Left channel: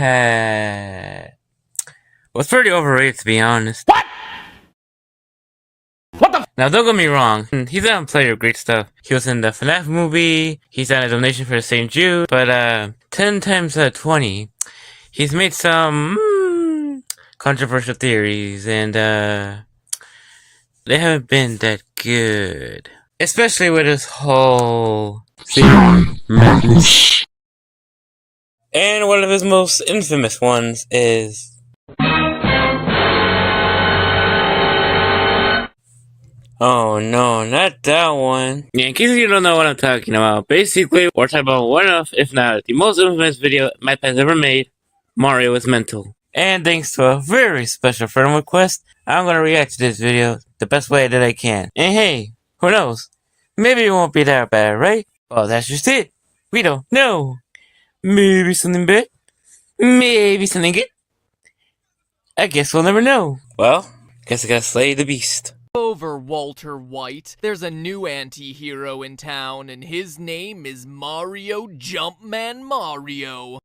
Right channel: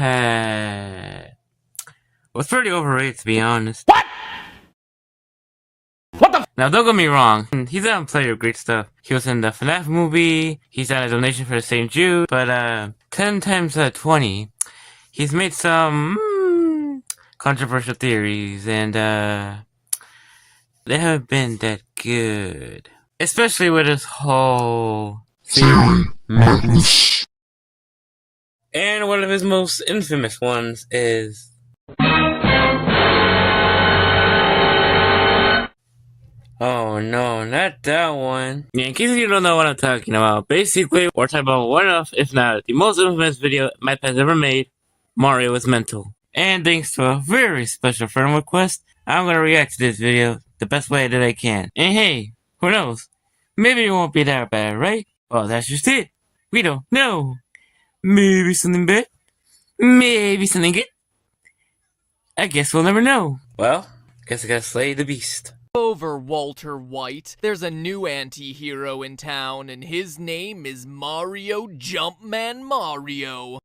Matpat was pretty overrated, to be honest. What? What the? Now, don't get me wrong, he's done plenty of great stuff. He was in the FNAF movie, he's done a donation for St. Jude, but 10 times out of 20, he's made some controversial theories, and they haven't been that good. Especially with this whole theorem madness. And one of his most infamous ones is... Oh no, not that one. Yeah, in case you don't know what I'm talking about, basically, we're talking about one of, if not the most infamous video Matpat ever made, Mario is Mental. And thanks to a very special friend request, I'm gonna react to this video the best way that I can. And hey, who knows? Maybe it won't be that bad, right? Well, that's just it. We don't know. Maybe something bad. Maybe something good. I guess we'll never know. Well, guess I gotta slay the beast. Over, Walter White. There's a new anti-hero in town, and his name is Mario Jumpman Mario.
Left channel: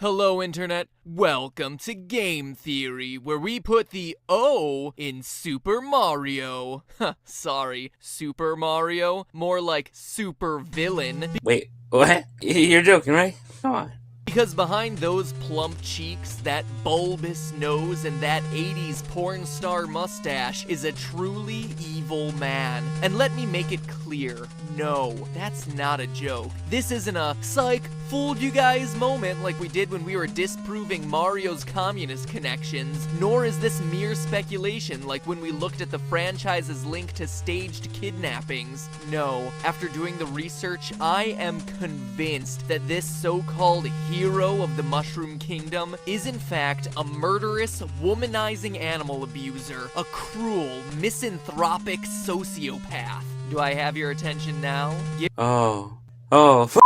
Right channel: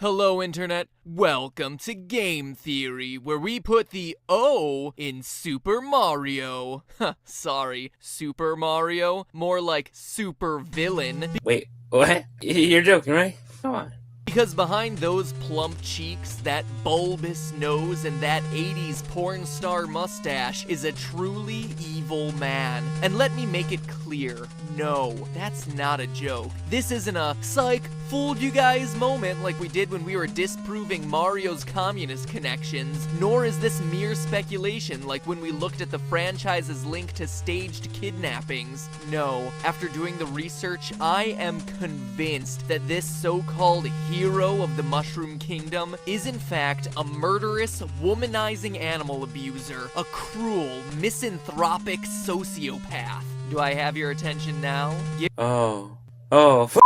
Hello, Internet. Welcome to Game Theory, where we put the O in Super Mario. Sorry, Super Mario. More like super villain. Wait, what? You're joking, right? Come on. Because behind those plump cheeks, that bulbous nose, and that 80s porn star mustache is a truly evil man. And let me make it clear, no, that's not a joke. This isn't a psych, fooled you guys moment like we did when we were disproving Mario's communist connections, nor is this mere speculation like when we looked at the franchise's link to staged kidnappings. No, after doing the research, I am convinced that this so-called hero of the Mushroom Kingdom is in fact a murderous, womanizing animal abuser, a cruel, misanthropic sociopath. Do I have your attention now? Oh, f***.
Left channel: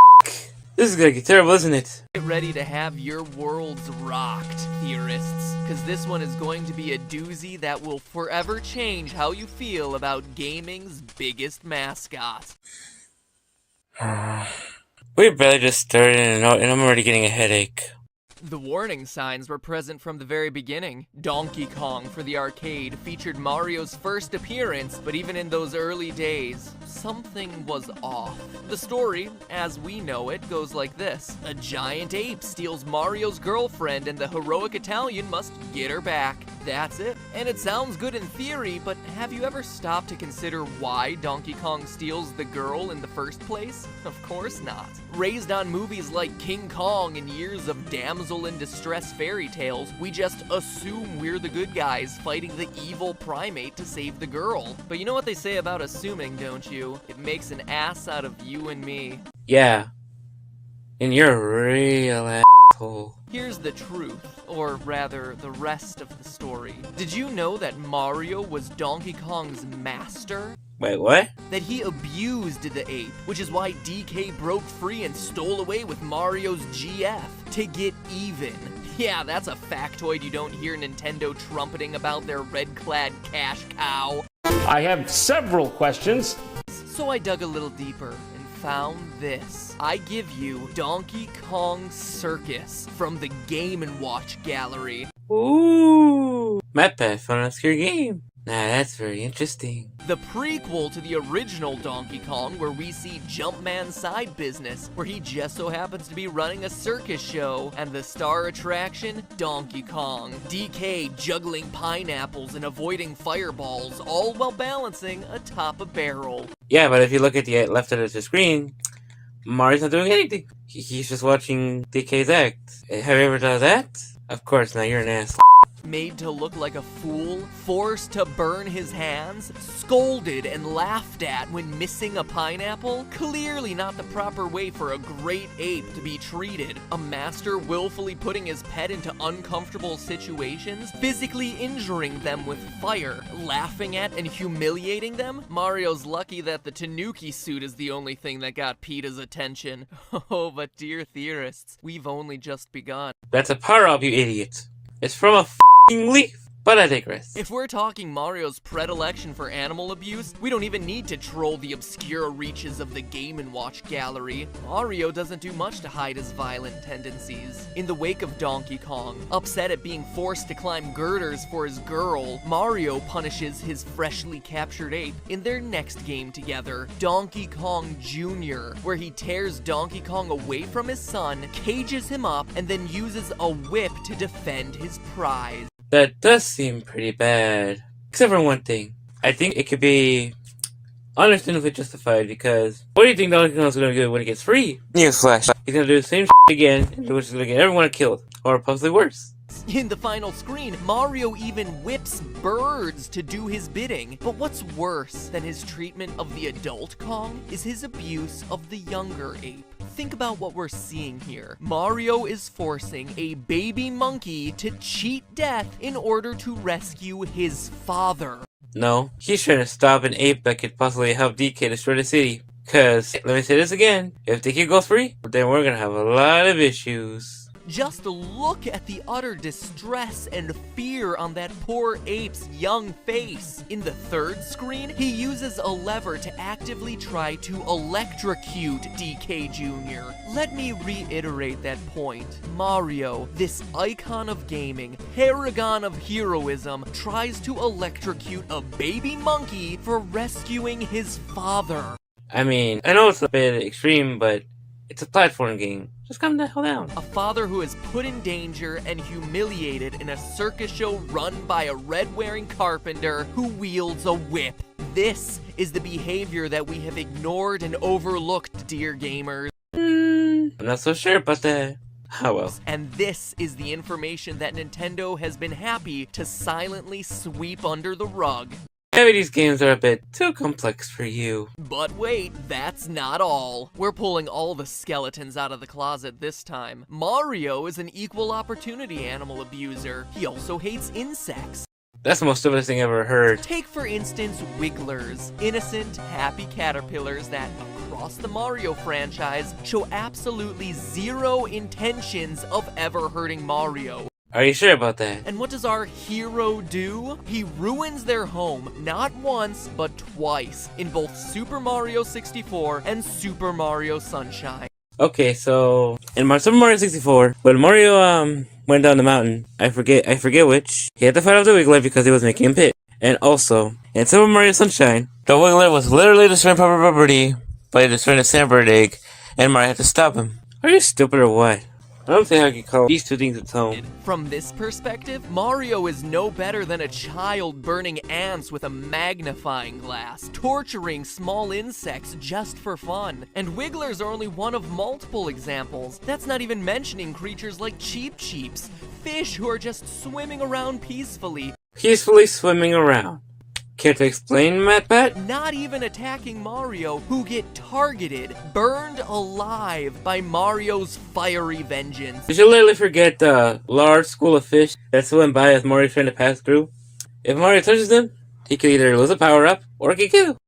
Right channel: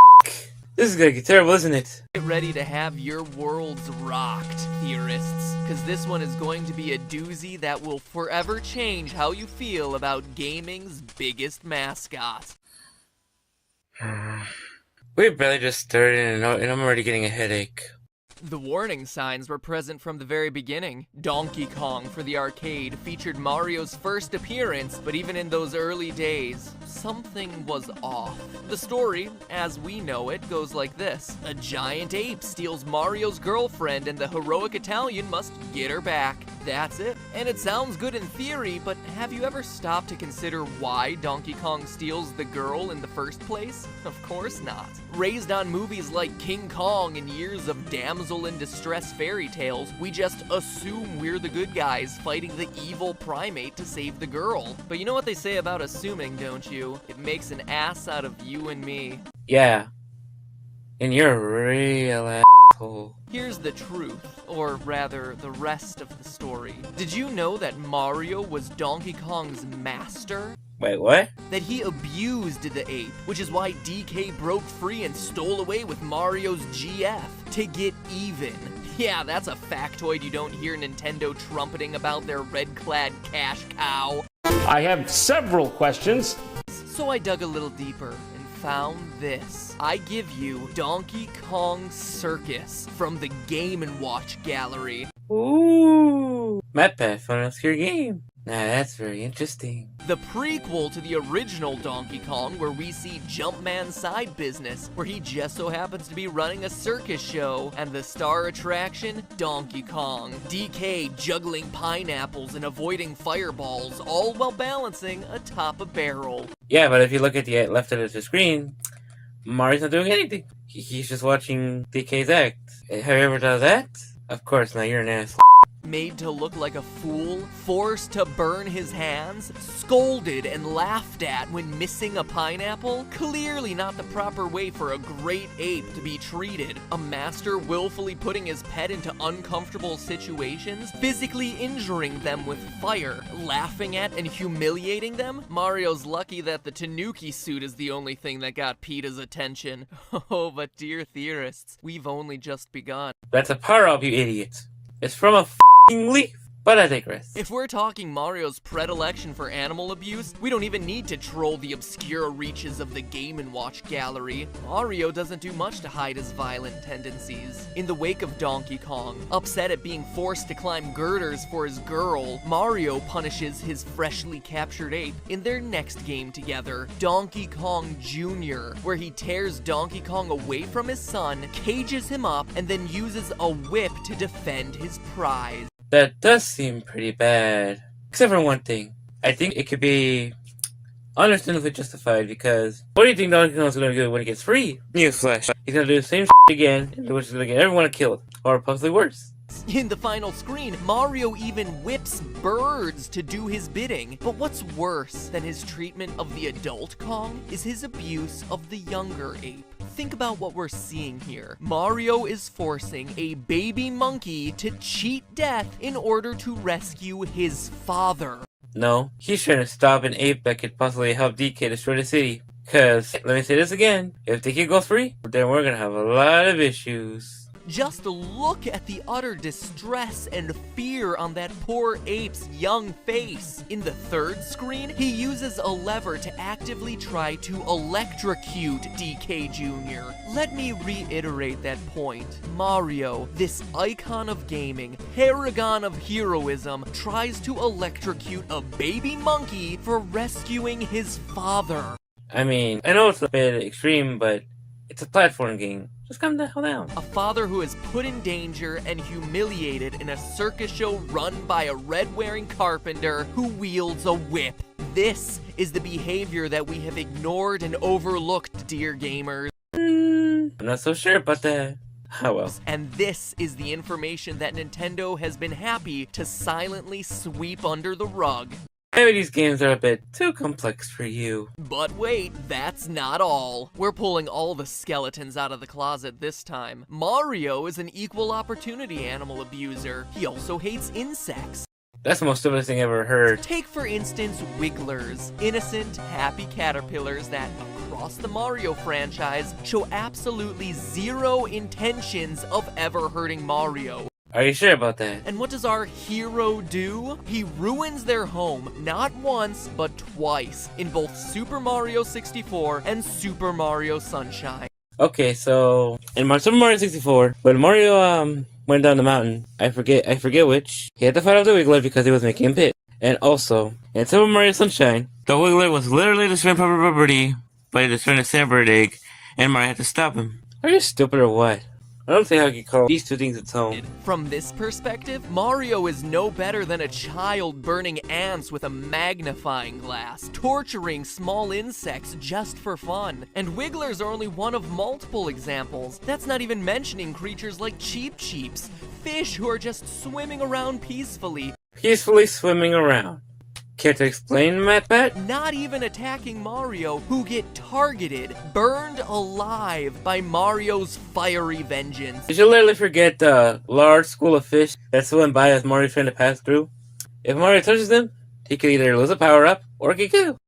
This is gonna get terrible, isn't it? Get ready to have your worlds rocked, theorists, because this one is going to be a doozy that will forever change how you feel about gaming's biggest mascot. We barely just started and I'm already getting a headache. The warning signs were present from the very beginning. Donkey Kong for the arcade featured Mario's first appearance, but even in those early days, something was off. The story, as we know it, goes like this. A giant ape steals Mario's girlfriend and the heroic Italian must get her back. That's it. And it sounds good in theory, but have you ever stopped to consider why Donkey Kong steals the girl in the first place? Of course not. Raised on movies like King Kong and years of damsel in distress fairy tales, we just assume we're the good guys fighting the evil primate to save the girl. But you know what they say about assuming, don't you? It makes an ass out of you and me. Yeah. And you're a real asshole. Here's the truth, or rather, the rest of the story. Did you know that Mario was Donkey Kong's master? Wait, what? That he abused the ape, which is why DK broke free and stole away with Mario's GF to get even. Yeah, that's a factoid you don't hear Nintendo trumpeting about their red-clad cash cow. I have several questions. So I dug a little deeper and found this. I give you Donkey Kong Circus from the Game & Watch gallery. Ooh, Matpat for an obscure game. Nah, that's very interesting. The prequel to the original Donkey Kong, where we see Jumpman's side business, where he just so happens to be running a circus show, and the star attraction, Donkey Kong. DK juggling pineapples and avoiding fireballs, all while balancing atop a barrel. Yeah, but if you look at the left of the screen, Mario's not doing anything. He's just watching DK's act. Have you ever done that? Of course, now you're an ass. Made to look like a fool, forced to burn his hands, scolded and laughed at when missing a pineapple? Clearly not the proper way for a great ape to be treated. A master willfully putting his pet into uncomfortable situations, physically injuring them with fire, laughing at and humiliating them? Mario's lucky that the Tanuki suit is the only thing that got PETA's attention. Oh, but dear theorists, we've only just begun. That's a power-up, you idiot. It's from a leaf. But I digress. If we're talking Mario's predilection for animal abuse, we don't even need to troll the obscure reaches of the Game & Watch gallery. Mario doesn't do much to hide his violent tendencies. In the wake of Donkey Kong, upset at being forced to climb girders for his girl, Mario punishes his freshly captured ape in their next game together, Donkey Kong Jr., where he tears Donkey Kong away from his son, cages him up, and then uses a whip to defend his prize. That does seem pretty bad. Except for one thing. I think it could be understandably justified because what do you think Donkey Kong's gonna do when he gets free? Newsflash. He's gonna do the same again, which is gonna get everyone killed. Or possibly worse. In the final screen, Mario even whips birds to do his bidding. But what's worse than his treatment of the adult Kong is his abuse of the younger ape. Think about what we're seeing here. Mario is forcing a baby monkey to cheat death in order to rescue his father. No, he's trying to stop an ape that could possibly help DK destroy the city. Cause, let me say this again, if the kid goes free, then we're gonna have a lot of issues. Just look at the utter distress and fear on that poor ape's young face. In the third screen, he uses a lever to actively try to electrocute DK Jr. Let me reiterate that point. Mario, this icon of gaming, paragon of heroism, tries to electrocute a baby monkey for rescuing his father. I mean, I know it's a bit extreme, but it's a platform game. Just calm the hell down. A father who is put in danger and humiliated in a circus show run by a red-wearing carpenter who wields a whip. This is the behavior that we have ignored and overlooked, dear gamers. I'm not so sure about that. Oh well. And this is the information that Nintendo has been happy to silently sweep under the rug. Maybe these games are a bit too complex for you. But wait, that's not all. We're pulling all the skeletons out of the closet this time. Mario is an equal opportunity animal abuser. He also hates insects. That's the most stupidest thing I've ever heard. Take, for instance, wigglers, innocent, happy caterpillars that, across the Mario franchise, show absolutely zero intentions of ever hurting Mario. Are you sure about that? And what does our hero do? He ruins their home, not once, but twice, in both Super Mario 64 and Super Mario Sunshine. Okay, so in Super Mario 64, when Mario went down the mountain, I forget which, he had to fight off the Wiggler because he was making him pit. And also, in Super Mario Sunshine, the Wiggler was literally destroying property by destroying a sandbird egg, and Mario had to stop him. Are you stupid or what? I don't think I can call these two things its own. From this perspective, Mario is no better than a child burning ants with a magnifying glass, torturing small insects just for fun. And wigglers are only one of multiple examples. That's not even mentioning creatures like Cheep Cheeps, fish who are just swimming around peacefully. Peacefully swimming around. Care to explain, Matpat? Not even attacking Mario, who get targeted, burned alive by Mario's fiery vengeance. Did you literally forget the large school of fish that swim by as Mario's trying to pass through? If Mario touches them, he could either lose a power-up or get killed.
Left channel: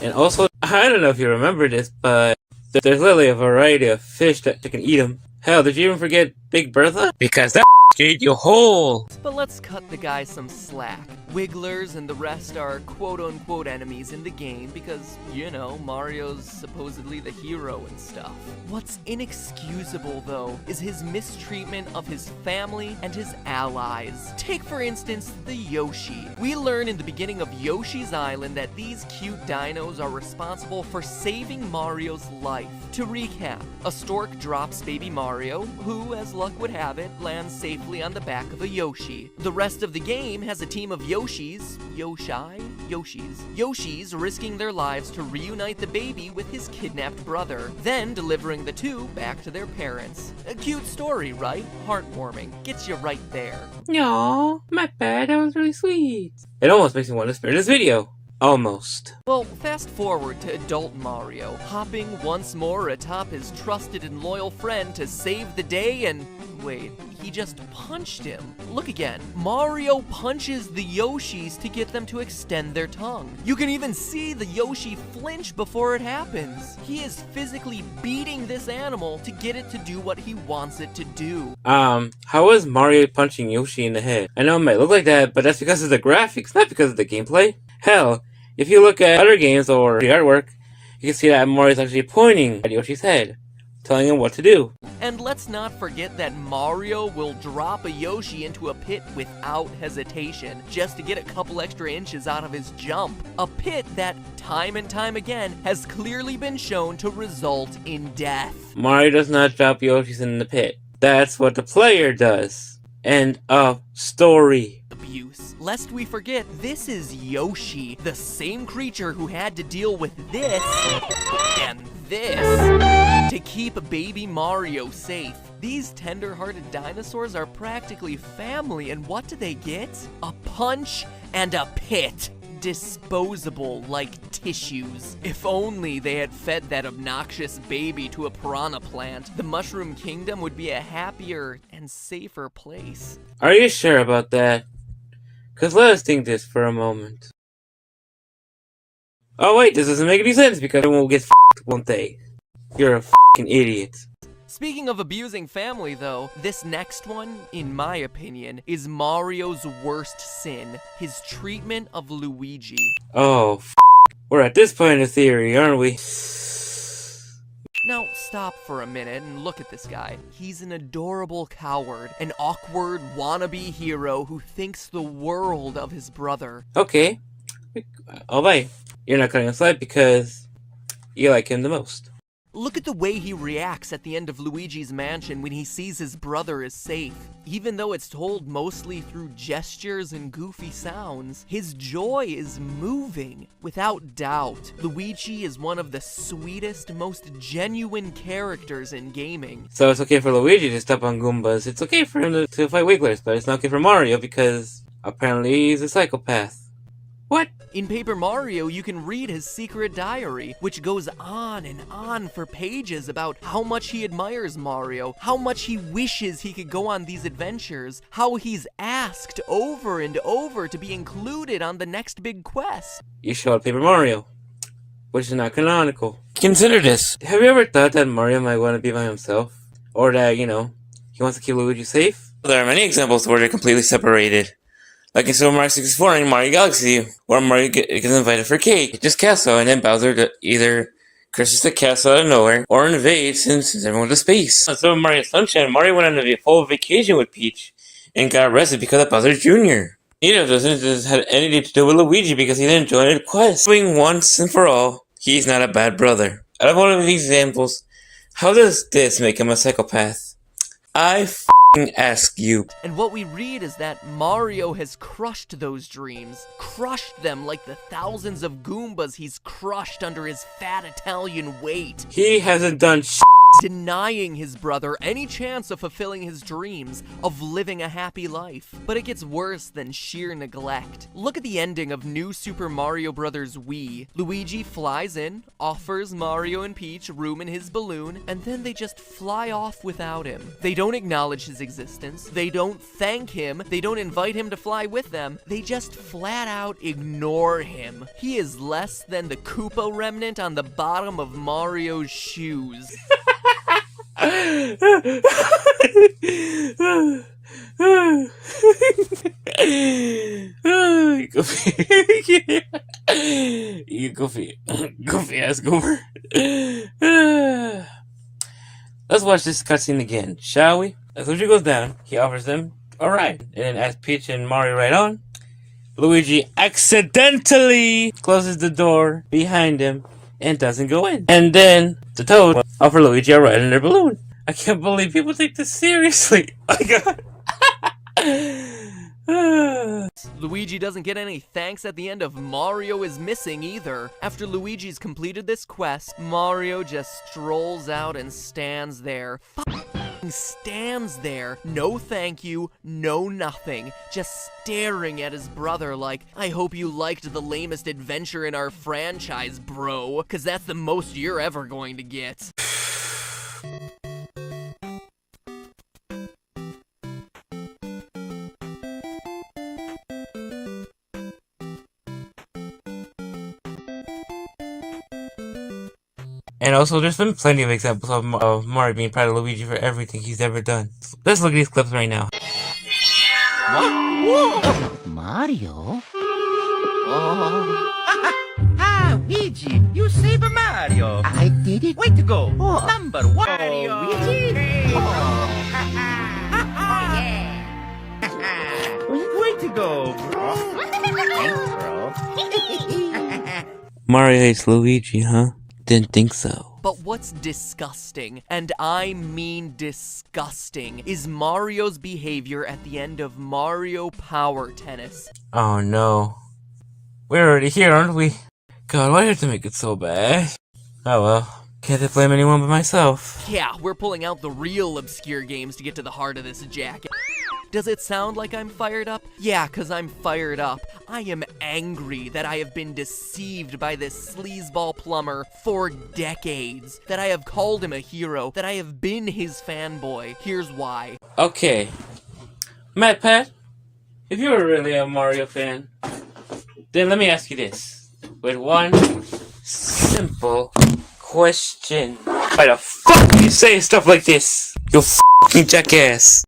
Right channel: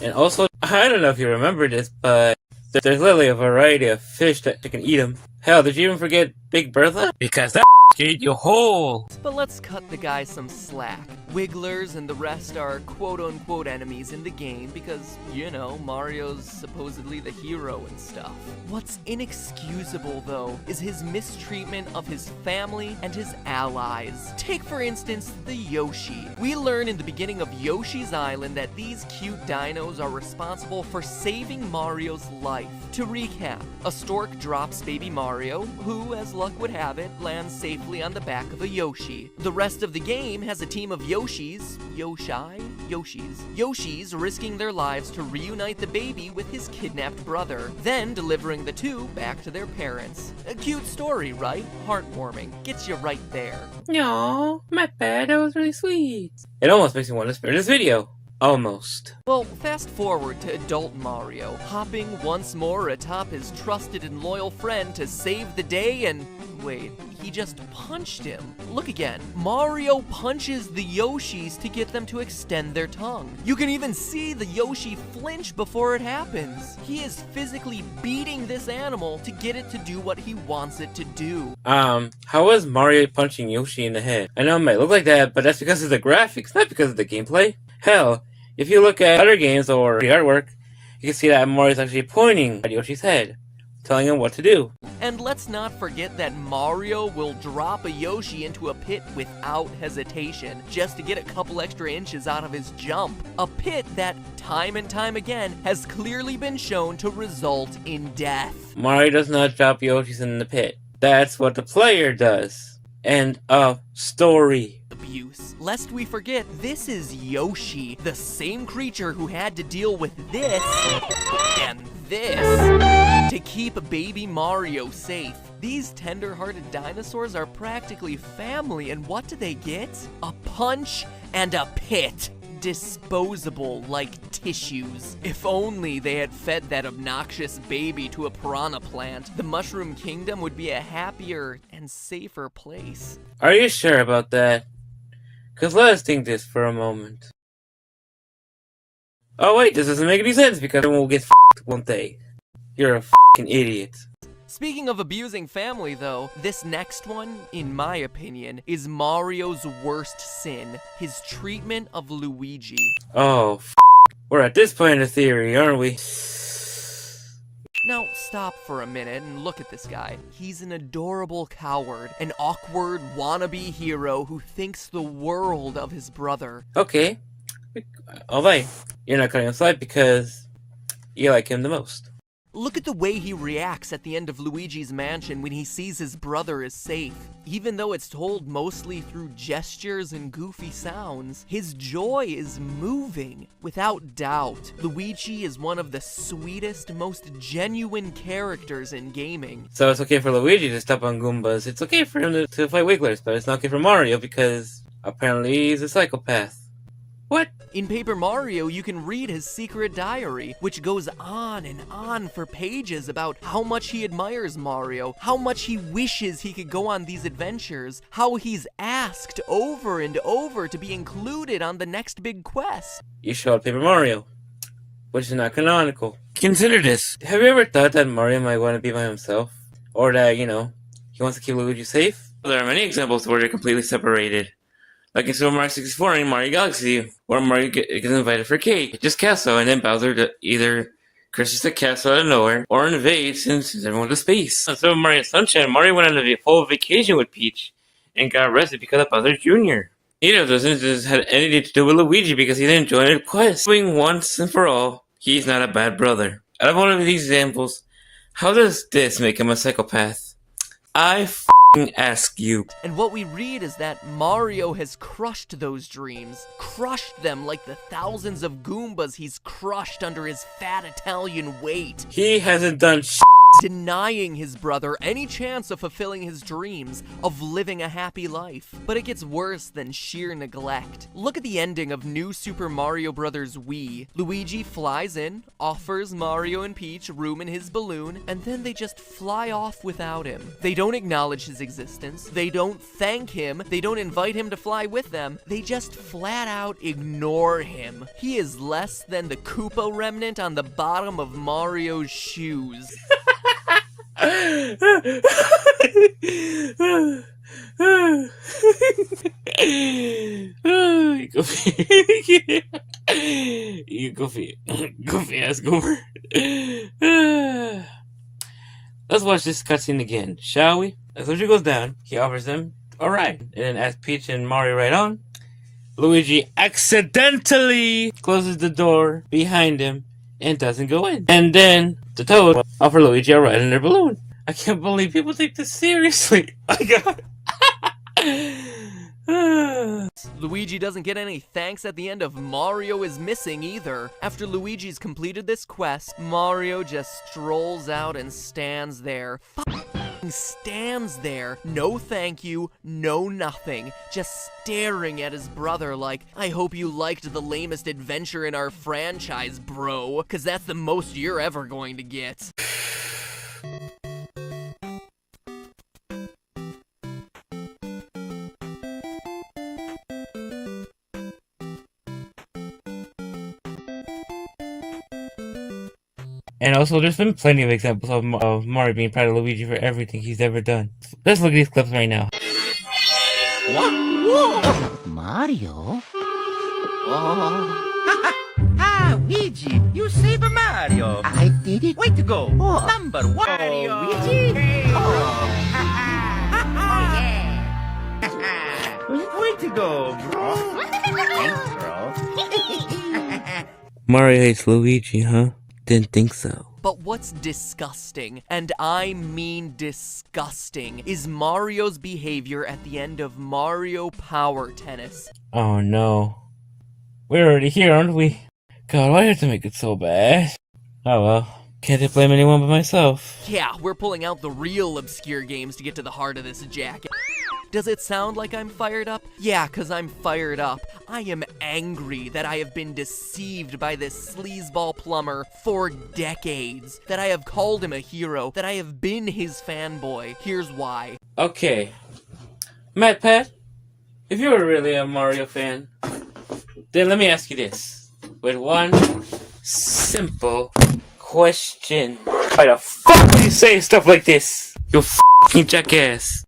And also, I don't know if you remember this, but there's literally a variety of fish that can eat them. Hell, did you even forget Big Bertha? Because that can eat you whole. But let's cut the guy some slack. Wigglers and the rest are quote-unquote enemies in the game because, you know, Mario's supposedly the hero and stuff. What's inexcusable, though, is his mistreatment of his family and his allies. Take, for instance, the Yoshi. We learn in the beginning of Yoshi's Island that these cute dinos are responsible for saving Mario's life. To recap, a stork drops baby Mario, who, as luck would have it, lands safely on the back of a Yoshi. The rest of the game has a team of Yoshis risking their lives to reunite the baby with his kidnapped brother, then delivering the two back to their parents. A cute story, right? Heartwarming. Gets you right there. Aww, my bad, that was really sweet. It almost makes me want to spare this video. Almost. Well, fast forward to adult Mario, hopping once more atop his trusted and loyal friend to save the day and, Wait, he just punched him. Look again. Mario punches the Yoshis to get them to extend their tongue. You can even see the Yoshi flinch before it happens. He is physically beating this animal to get it to do what he wants it to do. How is Mario punching Yoshi in the head? I know it might look like that, but that's because of the graphics, not because of the gameplay. Hell, if you look at other games or the artwork, you can see that Mario's actually pointing at Yoshi's head, telling him what to do. And let's not forget that Mario will drop a Yoshi into a pit without hesitation, just to get a couple extra inches out of his jump. A pit that, time and time again, has clearly been shown to result in death. Mario does not drop Yoshis in the pit. That's what the player does. End of story. Abuse. Lest we forget, this is Yoshi, the same creature who had to deal with this and this to keep baby Mario safe. These tender-hearted dinosaurs are practically family, and what do they get? A punch and a pit. Disposable like tissues. If only they had fed that obnoxious baby to a piranha plant, the Mushroom Kingdom would be a happier and safer place. Are you sure about that? Cause let us think this for a moment. Oh wait, this doesn't make any sense because everyone will get f***ed, won't they? You're a f***ing idiot. Speaking of abusing family, though, this next one, in my opinion, is Mario's worst sin, his treatment of Luigi. Oh, f***. We're at this point in the theory, aren't we? Now, stop for a minute and look at this guy. He's an adorable coward, an awkward wannabe hero who thinks the world of his brother. Okay. Alright. You're not cutting aside because you like him the most. Look at the way he reacts at the end of Luigi's mansion when he sees his brother is safe. Even though it's told mostly through gestures and goofy sounds, his joy is moving. Without doubt, Luigi is one of the sweetest, most genuine characters in gaming. So it's okay for Luigi to step on Goombas. It's okay for him to fight Wigglers, but it's not okay for Mario because apparently he's a psychopath. What? In Paper Mario, you can read his secret diary, which goes on and on for pages about how much he admires Mario, how much he wishes he could go on these adventures, how he's asked over and over to be included on the next big quest. You show up Paper Mario, which is not canonical. Consider this. Have you ever thought that Mario might want to be by himself? Or that, he wants to keep Luigi safe? There are many examples where they're completely separated. Like in Super Mario 64 and Mario Galaxy, where Mario gets invited for cake, just castle, and then Bowser either crashes the castle out of nowhere, or invades and sends everyone to space. On Super Mario Sunshine, Mario went on a full vacation with Peach, and got arrested because of Bowser Jr. Neither of those incidents had anything to do with Luigi because he didn't join the quest. Knowing once and for all, he's not a bad brother. Out of one of these examples, how does this make him a psychopath? I ask you. And what we read is that Mario has crushed those dreams, crushed them like the thousands of Goombas he's crushed under his fat Italian weight. He hasn't done denying his brother any chance of fulfilling his dreams, of living a happy life. But it gets worse than sheer neglect. Look at the ending of New Super Mario Bros. Wii. Luigi flies in, offers Mario and Peach room in his balloon, and then they just fly off without him. They don't acknowledge his existence, they don't thank him, they don't invite him to fly with them, they just flat out ignore him. He is less than the Koopa remnant on the bottom of Mario's shoes. You goofy ass goober. Let's watch this cutscene again, shall we? As Luigi goes down, he offers them a ride, and then as Peach and Mario ride on, Luigi accidentally closes the door behind him and doesn't go in. And then the Toad offer Luigi a ride in their balloon. I can't believe people take this seriously. Oh my god. Luigi doesn't get any thanks at the end of Mario is Missing either. After Luigi's completed this quest, Mario just strolls out and stands there. Stands there, no thank you, no nothing, just staring at his brother like, I hope you liked the lamest adventure in our franchise, bro, cause that's the most you're ever going to get. And also, there's been plenty of examples of Mario being proud of Luigi for everything he's ever done. Let's look at these clips right now. What? Whoa! Mario? Oh. Luigi, you saved Mario. I did it. Way to go. Oh. Number one. Mario. Luigi. Oh. Yeah. Way to go, bro. Thanks, bro. Mario hates Luigi, huh? Didn't think so. But what's disgusting, and I mean disgusting, is Mario's behavior at the end of Mario Power Tennis. Oh no. We're already here, aren't we? God, why do I have to make it so bad? Oh well. Can't blame anyone but myself. Yeah, we're pulling out the real obscure games to get to the heart of this jacket. Does it sound like I'm fired up? Yeah, 'cause I'm fired up. I am angry that I have been deceived by this sleazeball plumber for decades. That I have called him a hero. That I have been his fanboy. Here's why. Okay. Matpat, if you're really a Mario fan, then let me ask you this. With one simple question. Why the fuck do you say stuff like this? You fucking jackass.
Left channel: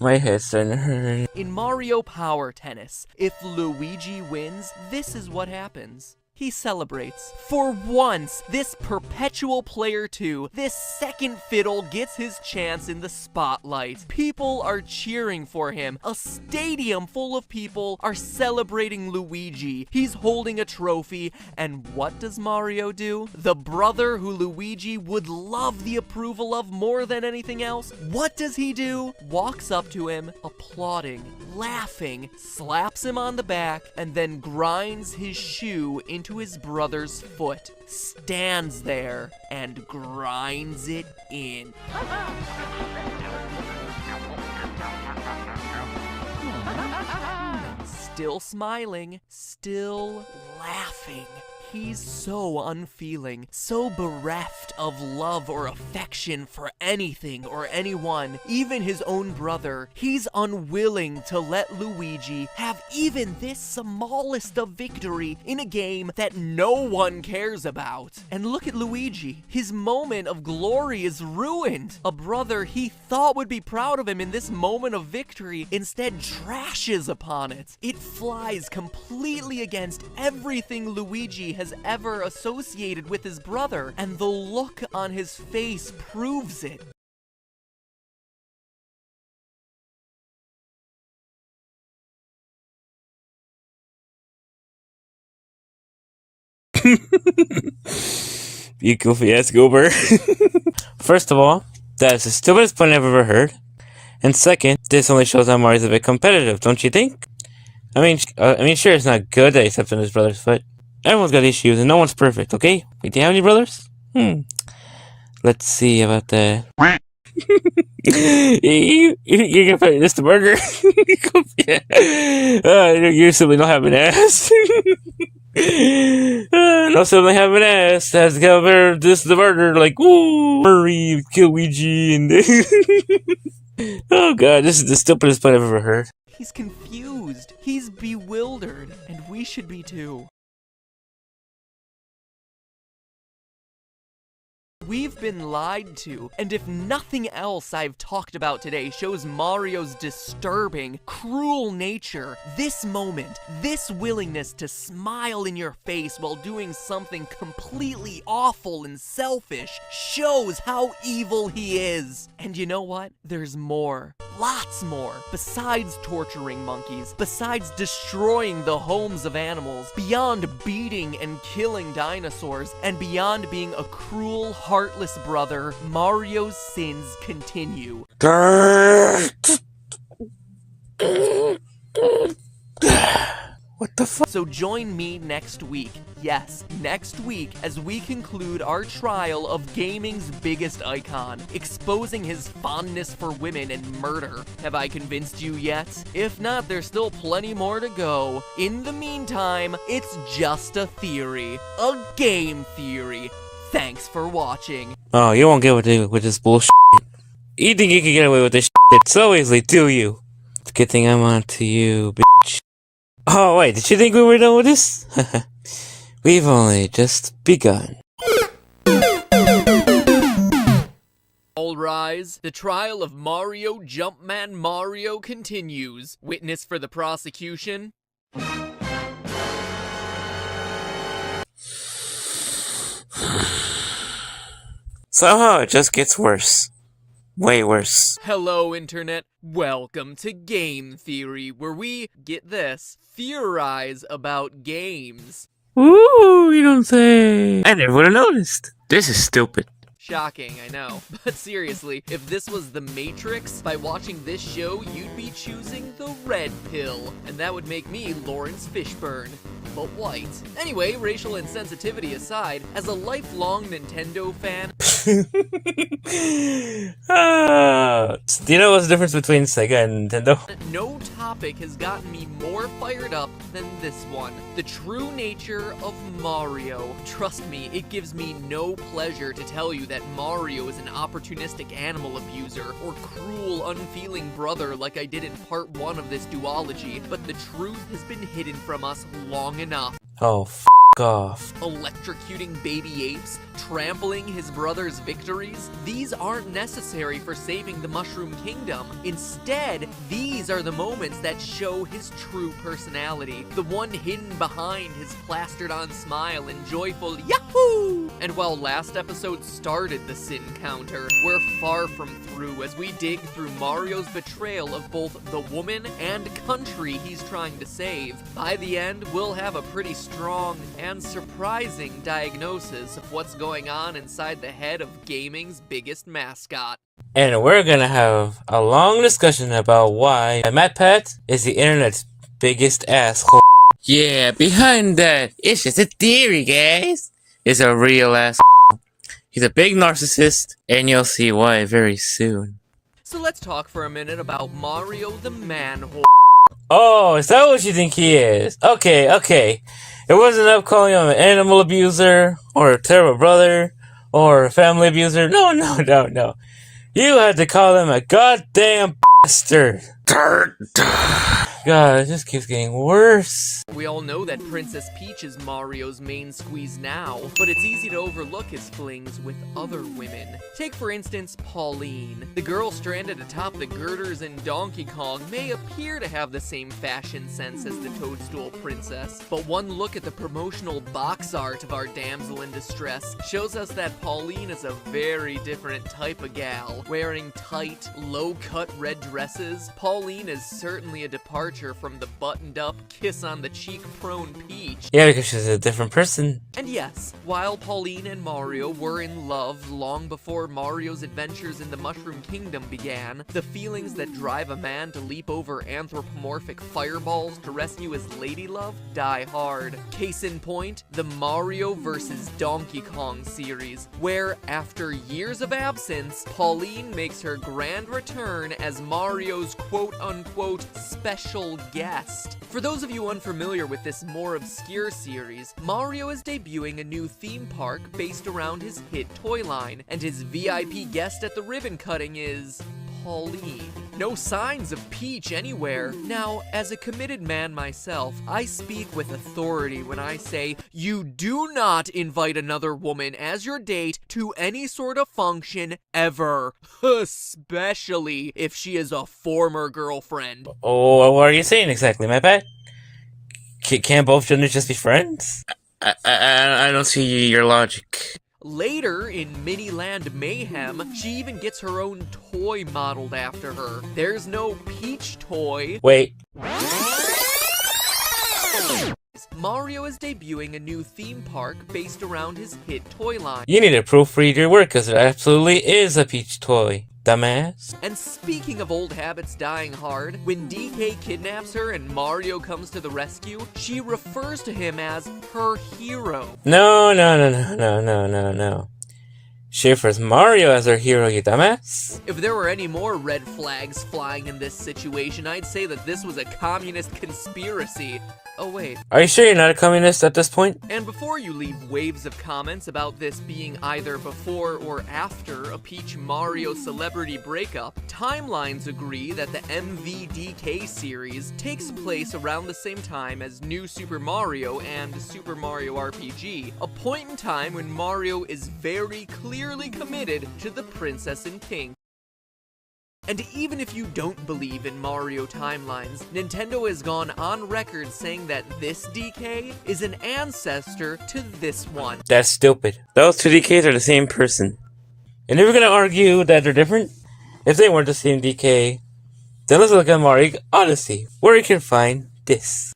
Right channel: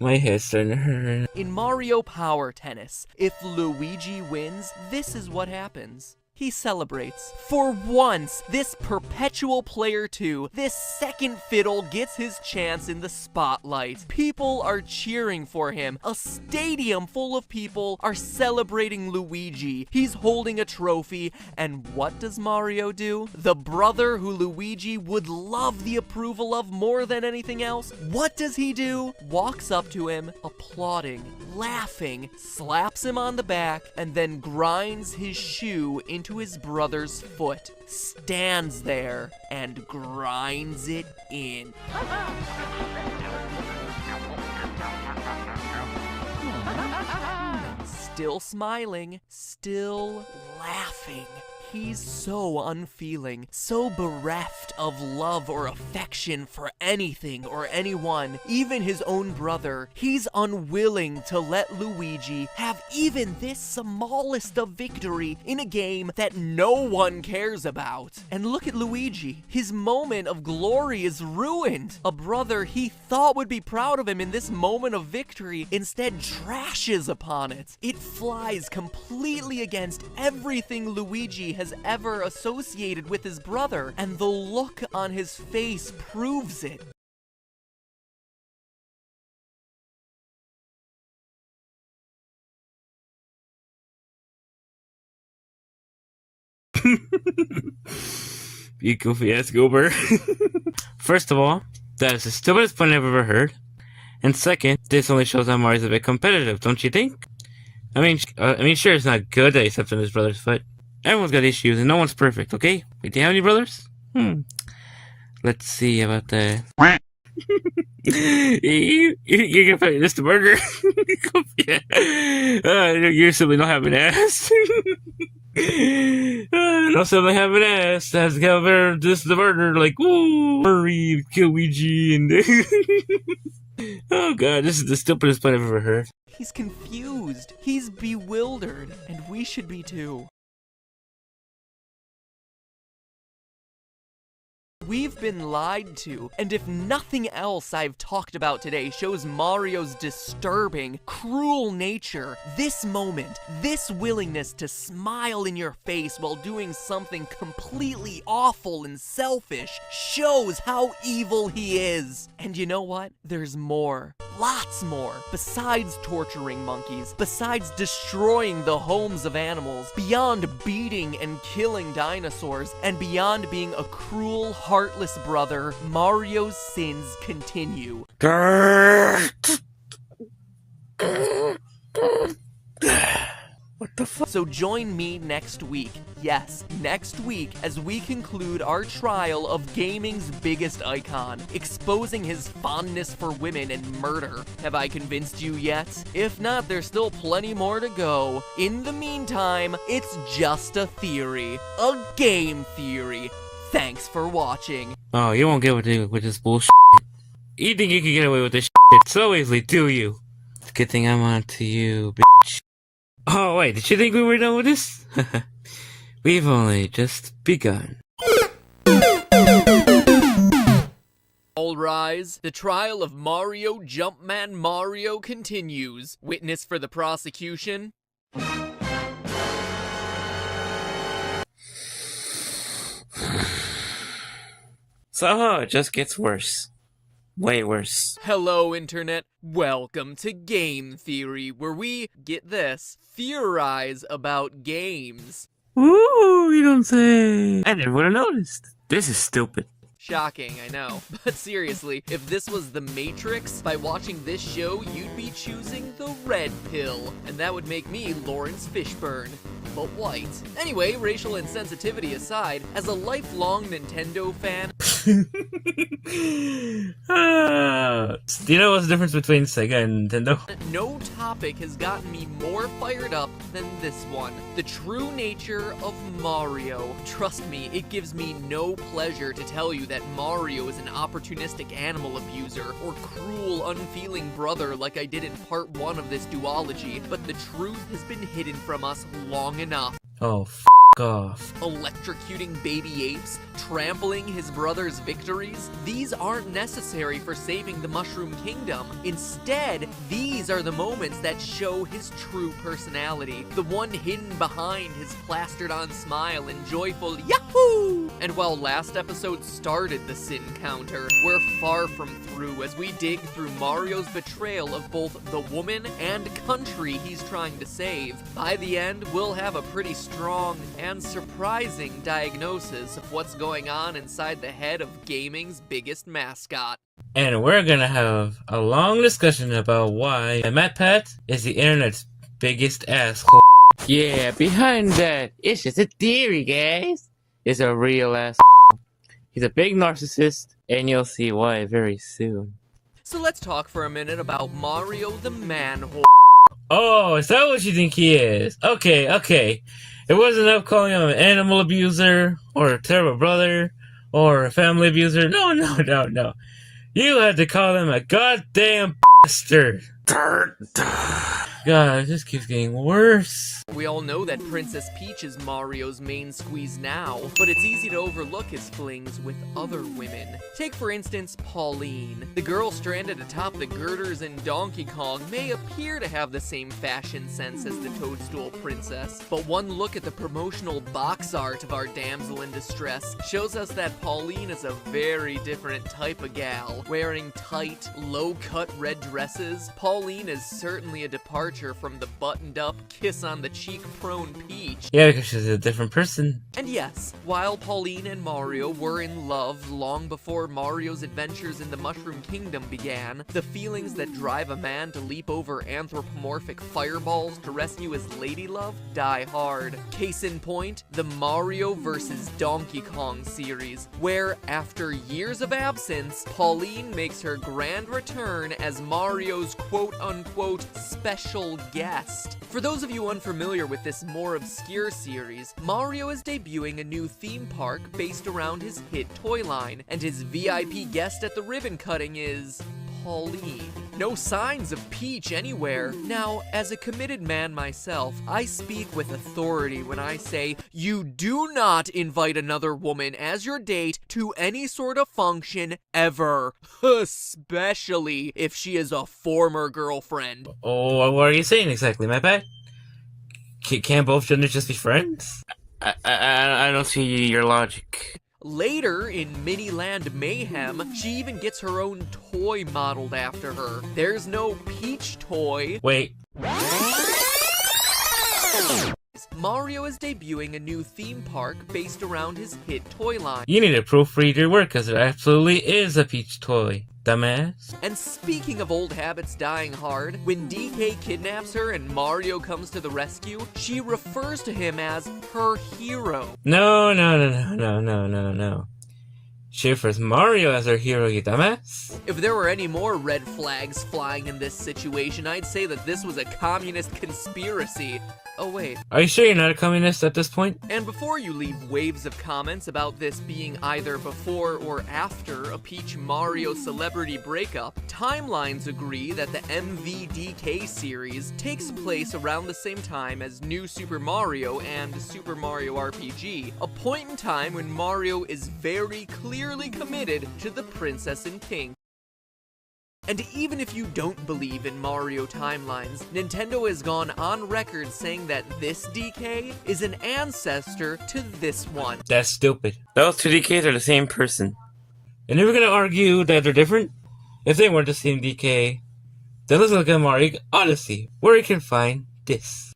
My head's starting to hurt. In Mario Power Tennis, if Luigi wins, this is what happens. He celebrates. For once, this perpetual player 2, this second fiddle gets his chance in the spotlight. People are cheering for him. A stadium full of people are celebrating Luigi. He's holding a trophy, and what does Mario do? The brother who Luigi would love the approval of more than anything else. What does he do? Walks up to him, applauding, laughing, slaps him on the back, and then grinds his shoe into his brother's foot, stands there, and grinds it in. Still smiling, still laughing. He's so unfeeling, so bereft of love or affection for anything or anyone, even his own brother. He's unwilling to let Luigi have even this smallest of victory in a game that no one cares about. And look at Luigi. His moment of glory is ruined. A brother he thought would be proud of him in this moment of victory instead trashes upon it. It flies completely against everything Luigi has ever associated with his brother, and the look on his face proves it. You goofy ass goober. First of all, that is the stupidest point I've ever heard. And second, this only shows how Mario's a bit competitive, don't you think? I mean, sure, it's not good that he stepped on his brother's foot. Everyone's got issues, and no one's perfect, okay? Wait, do you have any brothers? Let's see about that. You can find this the burger. You simply don't have an ass. No sibling have an ass. That's the cover. This is the burger. Like, woo, Murray, kill Luigi, and oh god, this is the stupidest part I've ever heard. He's confused. He's bewildered, and we should be too. We've been lied to, and if nothing else I've talked about today shows Mario's disturbing, cruel nature, this moment, this willingness to smile in your face while doing something completely awful and selfish shows how evil he is. And you know what? There's more. Lots more. Besides torturing monkeys, besides destroying the homes of animals, beyond beating and killing dinosaurs, and beyond being a cruel, heartless brother, Mario's sins continue. What the fuck? So join me next week, yes, next week, as we conclude our trial of gaming's biggest icon, exposing his fondness for women and murder. Have I convinced you yet? If not, there's still plenty more to go. In the meantime, it's just a theory. A game theory. Thanks for watching. Oh, you won't get away with this bullshit. You think you can get away with this shit so easily, do you? It's a good thing I'm on to you, bitch. Oh, wait, did you think we were done with this? We've only just begun. All rise. The trial of Mario Jumpman Mario continues. Witness for the prosecution. Somehow it just gets worse. Way worse. Hello, Internet. Welcome to Game Theory, where we, get this, theorize about games. Ooh, you don't say. I never would have noticed. This is stupid. Shocking, I know. But seriously, if this was The Matrix, by watching this show, you'd be choosing the red pill. And that would make me Lawrence Fishburne. But white. Anyway, racial insensitivity aside, as a lifelong Nintendo fan... Do you know what's the difference between Sega and Nintendo? No topic has gotten me more fired up than this one. The true nature of Mario. Trust me, it gives me no pleasure to tell you that Mario is an opportunistic animal abuser or cruel, unfeeling brother like I did in part 1 of this duology, but the truth has been hidden from us long enough. Oh, off. Electrocuting baby apes, trampling his brother's victories, these aren't necessary for saving the Mushroom Kingdom. Instead, these are the moments that show his true personality, the one hidden behind his plastered-on smile and joyful Yahoo! And while last episode started the sin counter, we're far from through as we dig through Mario's betrayal of both the woman and country he's trying to save. By the end, we'll have a pretty strong and surprising diagnosis of what's going on inside the head of gaming's biggest mascot. And we're gonna have a long discussion about why Matpat is the internet's biggest asshole. Yeah, behind that, it's just a theory, guys. It's a real asshole. He's a big narcissist, and you'll see why very soon. So let's talk for a minute about Mario the Manhole. Oh, is that what you think he is? Okay. It wasn't up calling him an animal abuser, or a terrible brother, or a family abuser. No. You had to call him a goddamn bastard. God, it just keeps getting worse. We all know that Princess Peach is Mario's main squeeze now, but it's easy to overlook his flings with other women. Take for instance Pauline. The girl stranded atop the girders in Donkey Kong may appear to have the same fashion sense as the Toadstool Princess, but one look at the promotional box art of our damsel in distress shows us that Pauline is a very different type of gal. Wearing tight, low-cut red dresses, Pauline is certainly a departure from the buttoned-up, kiss-on-the-cheek-prone Peach. Yeah, because she's a different person. And yes, while Pauline and Mario were in love long before Mario's adventures in the Mushroom Kingdom began, the feelings that drive a man to leap over anthropomorphic fireballs to rescue his ladylove die hard. Case in point, the Mario vs. Donkey Kong series, where, after years of absence, Pauline makes her grand return as Mario's quote-unquote special guest. For those of you unfamiliar with this more obscure series, Mario is debuting a new theme park based around his hit toy line, and his VIP guest at the ribbon cutting is Pauline. No signs of Peach anywhere. Now, as a committed man myself, I speak with authority when I say you do not invite another woman as your date to any sort of function ever, especially if she is a former girlfriend. Oh, what are you saying exactly, Matpat? Can't both genders just be friends? I don't see your logic. Later, in Miniland Mayhem, she even gets her own toy modeled after her. There's no Peach toy. Wait. Mario is debuting a new theme park based around his hit toy line. You need to proofread your work, because there absolutely is a Peach toy, dumbass. And speaking of old habits dying hard, when DK kidnaps her and Mario comes to the rescue, she refers to him as her hero. No. She refers Mario as her hero, you dumbass. If there were any more red flags flying in this situation, I'd say that this was a communist conspiracy. Oh wait. Are you sure you're not a communist at this point? And before you leave waves of comments about this being either before or after a Peach Mario celebrity breakup, timelines agree that the MVDK series takes place around the same time as New Super Mario and Super Mario RPG, a point in time when Mario is very clearly committed to the Princess in Pink. And even if you don't believe in Mario timelines, Nintendo has gone on record saying that this DK is an ancestor to this one. That's stupid. Those two DKs are the same person. And if we're gonna argue that they're different, if they weren't the same DK, then let's look at Mario Odyssey, where you can find this.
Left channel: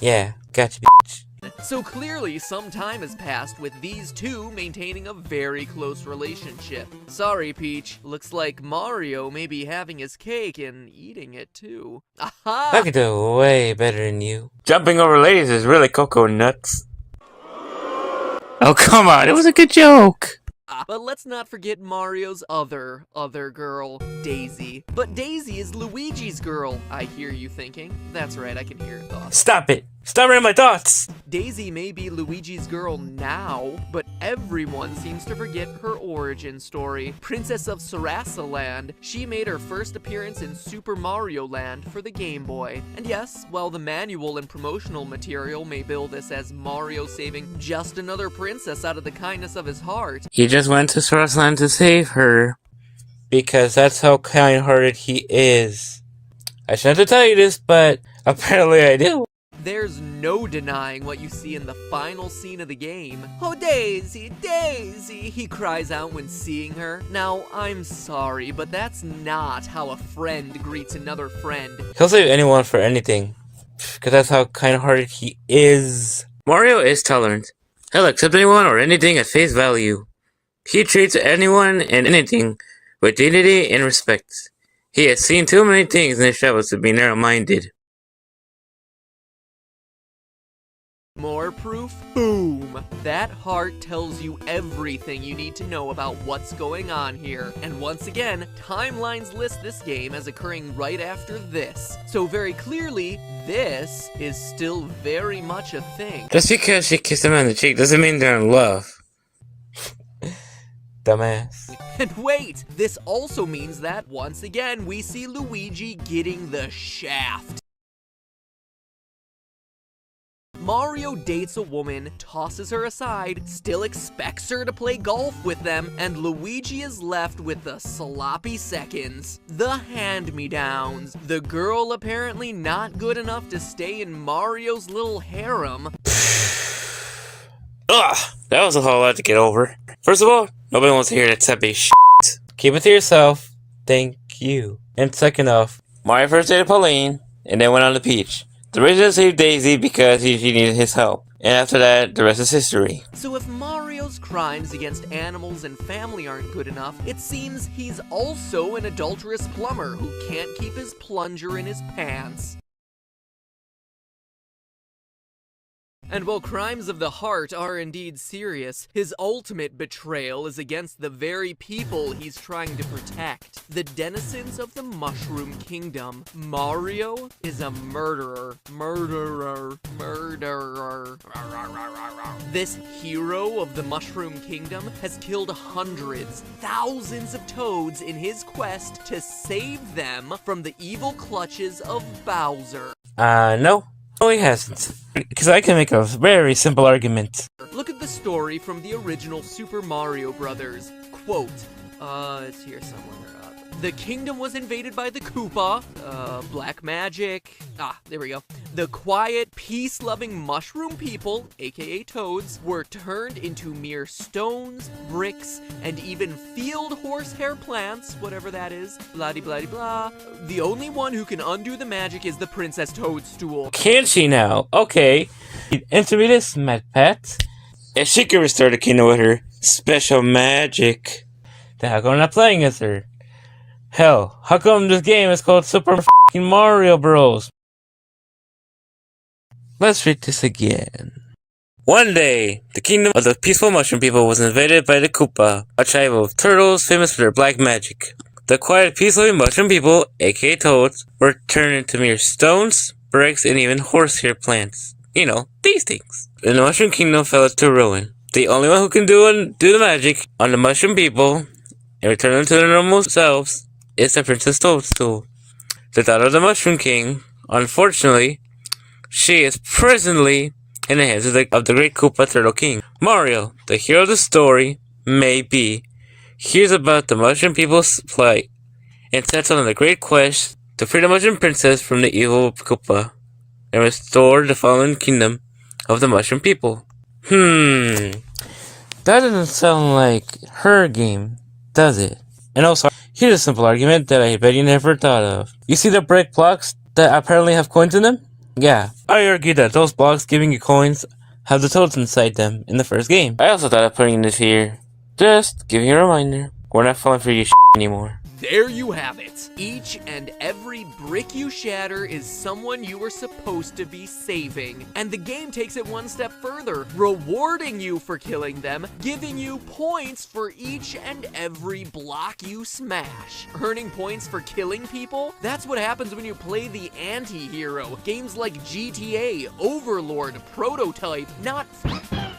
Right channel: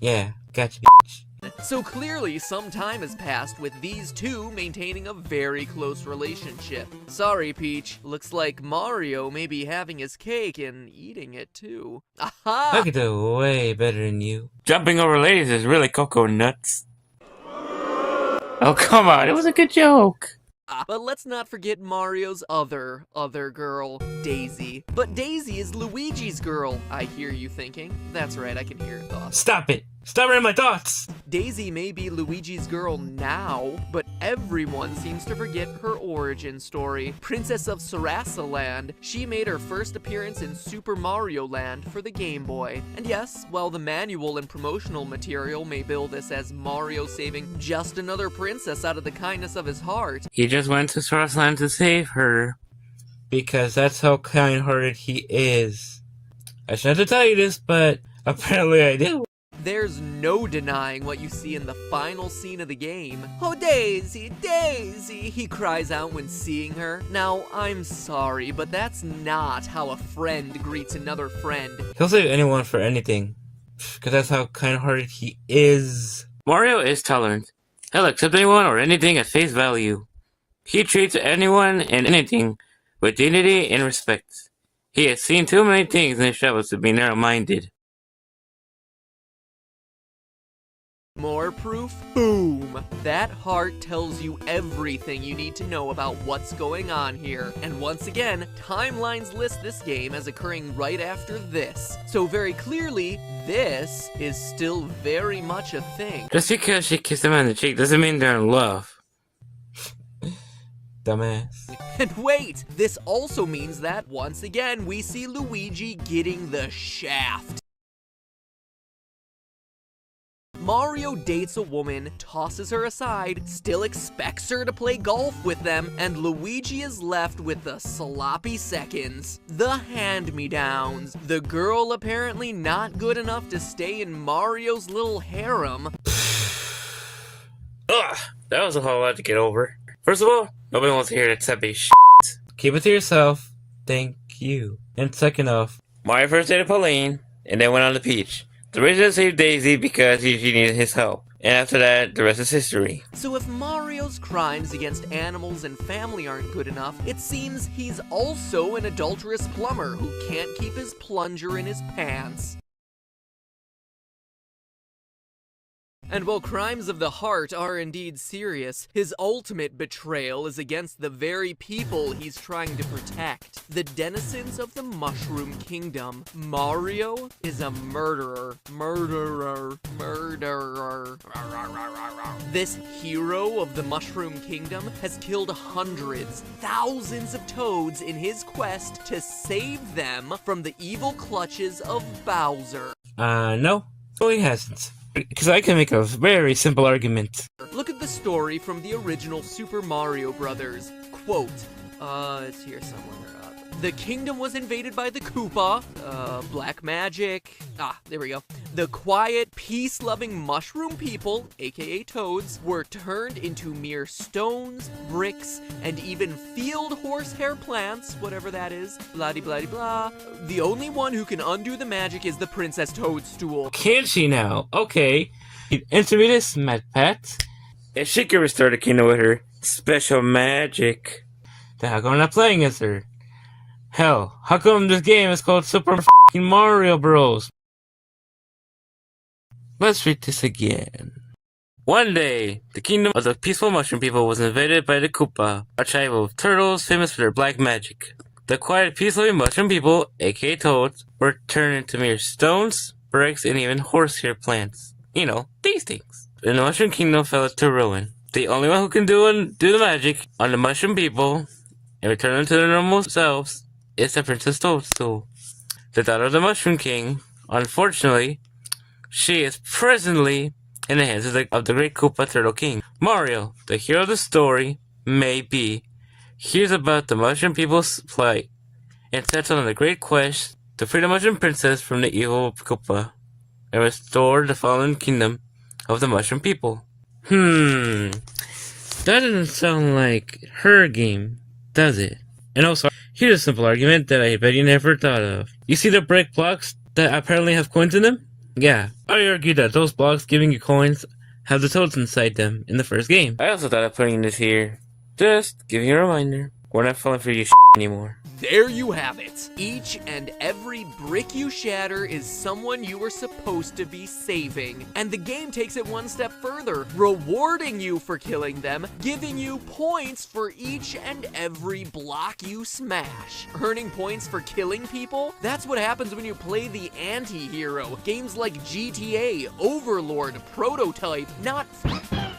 Yeah, gotcha, bitch. So clearly some time has passed with these two maintaining a very close relationship. Sorry, Peach. Looks like Mario may be having his cake and eating it too. Aha! I can do way better than you. Jumping over ladies is really cocoa nuts. Oh, come on, it was a good joke. But let's not forget Mario's other girl, Daisy. But Daisy is Luigi's girl, I hear you thinking. That's right, I can hear your thoughts. Stop it. Stop reading my thoughts. Daisy may be Luigi's girl now, but everyone seems to forget her origin story. Princess of Sarasaland, she made her first appearance in Super Mario Land for the Game Boy. And yes, while the manual and promotional material may bill this as Mario saving just another princess out of the kindness of his heart, He just went to Sarasaland to save her. Because that's how kind-hearted he is. I shouldn't have to tell you this, but apparently I do. there's no denying what you see in the final scene of the game. "Oh, Daisy, Daisy," he cries out when seeing her. Now, I'm sorry, but that's not how a friend greets another friend. He'll save anyone for anything. Because that's how kind-hearted he is. Mario is tolerant. He'll accept anyone or anything at face value. He treats anyone and anything with dignity and respect. He has seen too many things in his travels to be narrow-minded. More proof? Boom! That heart tells you everything you need to know about what's going on here. And once again, timelines list this game as occurring right after this. So very clearly, this is still very much a thing. Just because she kissed him on the cheek doesn't mean they're in love. Dumbass. And wait! This also means that, once again, we see Luigi getting the shaft. Mario dates a woman, tosses her aside, still expects her to play golf with them, and Luigi is left with the sloppy seconds. The hand-me-downs. The girl apparently not good enough to stay in Mario's little harem. Ugh, that was a whole lot to get over. First of all, nobody wants to hear that sappy shit. Keep it to yourself. Thank you. And second off, Mario first dated Pauline, and then went on to Peach. The original saved Daisy because she needed his help. And after that, the rest is history. So if Mario's crimes against animals and family aren't good enough, it seems he's also an adulterous plumber who can't keep his plunger in his pants. And while crimes of the heart are indeed serious, his ultimate betrayal is against the very people he's trying to protect. The denizens of the Mushroom Kingdom. Mario is a murderer. Murderer. This hero of the Mushroom Kingdom has killed hundreds, thousands of toads in his quest to save them from the evil clutches of Bowser. no. No, he hasn't. Because I can make a very simple argument. Look at the story from the original Super Mario Brothers. Quote, it's here somewhere. The kingdom was invaded by the Koopa, black magic, there we go. The quiet, peace-loving mushroom people, aka toads, were turned into mere stones, bricks, and even field horsehair plants, whatever that is, blah-de-blah-de-blah. The only one who can undo the magic is the Princess Toadstool. Can she now? Okay. Answer me this, Matpat. If she could restore the kingdom with her special magic, Then how come I'm not playing as her? Hell, how come this game is called Super f***ing Mario Bros? Let's read this again. one day, the kingdom of the peaceful mushroom people was invaded by the Koopa, a tribe of turtles famous for their black magic. The quiet, peaceful mushroom people, aka toads, were turned into mere stones, bricks, and even horsehair plants. You know, these things. And the Mushroom Kingdom fell to ruin. The only one who can do the magic on the Mushroom people and return them to their normal selves is the Princess Toadstool, the daughter of the Mushroom King. Unfortunately, she is presently in the hands of the great Koopa Turtle King. Mario, the hero of the story, maybe, hears about the Mushroom people's plight and sets on a great quest to free the Mushroom Princess from the evil Koopa and restore the fallen kingdom of the Mushroom people. That doesn't sound like her game, does it? And also, here's a simple argument that I bet you never thought of. You see the brick blocks that apparently have coins in them? Yeah, I argue that those blocks giving you coins have the toads inside them in the first game. I also thought of putting this here. Just giving you a reminder. We're not falling for your anymore. There you have it. Each and every brick you shatter is someone you were supposed to be saving. And the game takes it one step further, rewarding you for killing them, giving you points for each and every block you smash. Earning points for killing people? That's what happens when you play the anti-hero. Games like GTA, Overlord, Prototype, not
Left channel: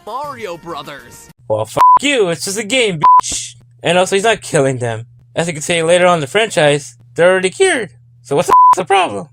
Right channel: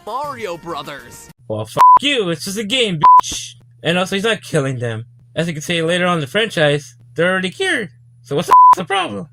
Mario Brothers. Well, f*** you, it's just a game, bitch. And also, he's not killing them. As you can say later on in the franchise, they're already cured. So what's the problem?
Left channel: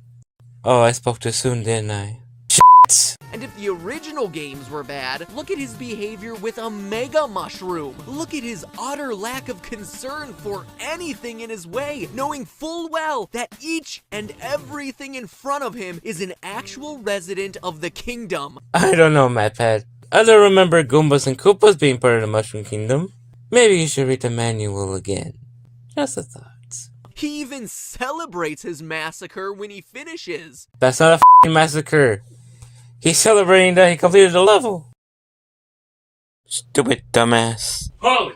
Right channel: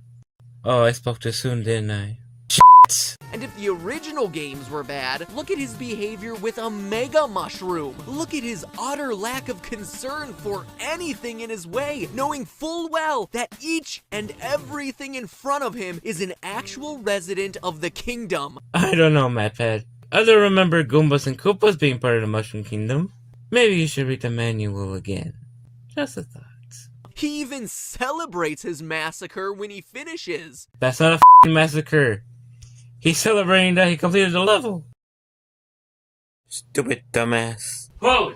Oh, I spoke too soon, didn't I? Shit. And if the original games were bad, look at his behavior with a Mega Mushroom. Look at his utter lack of concern for anything in his way, knowing full well that each and everything in front of him is an actual resident of the kingdom. I don't know, Matpat. I don't remember Goombas and Koopas being part of the Mushroom Kingdom. Maybe you should read the manual again. Just a thought. He even celebrates his massacre when he finishes. That's not a f***ing massacre. He's celebrating that he completed the level. Stupid dumbass. Holy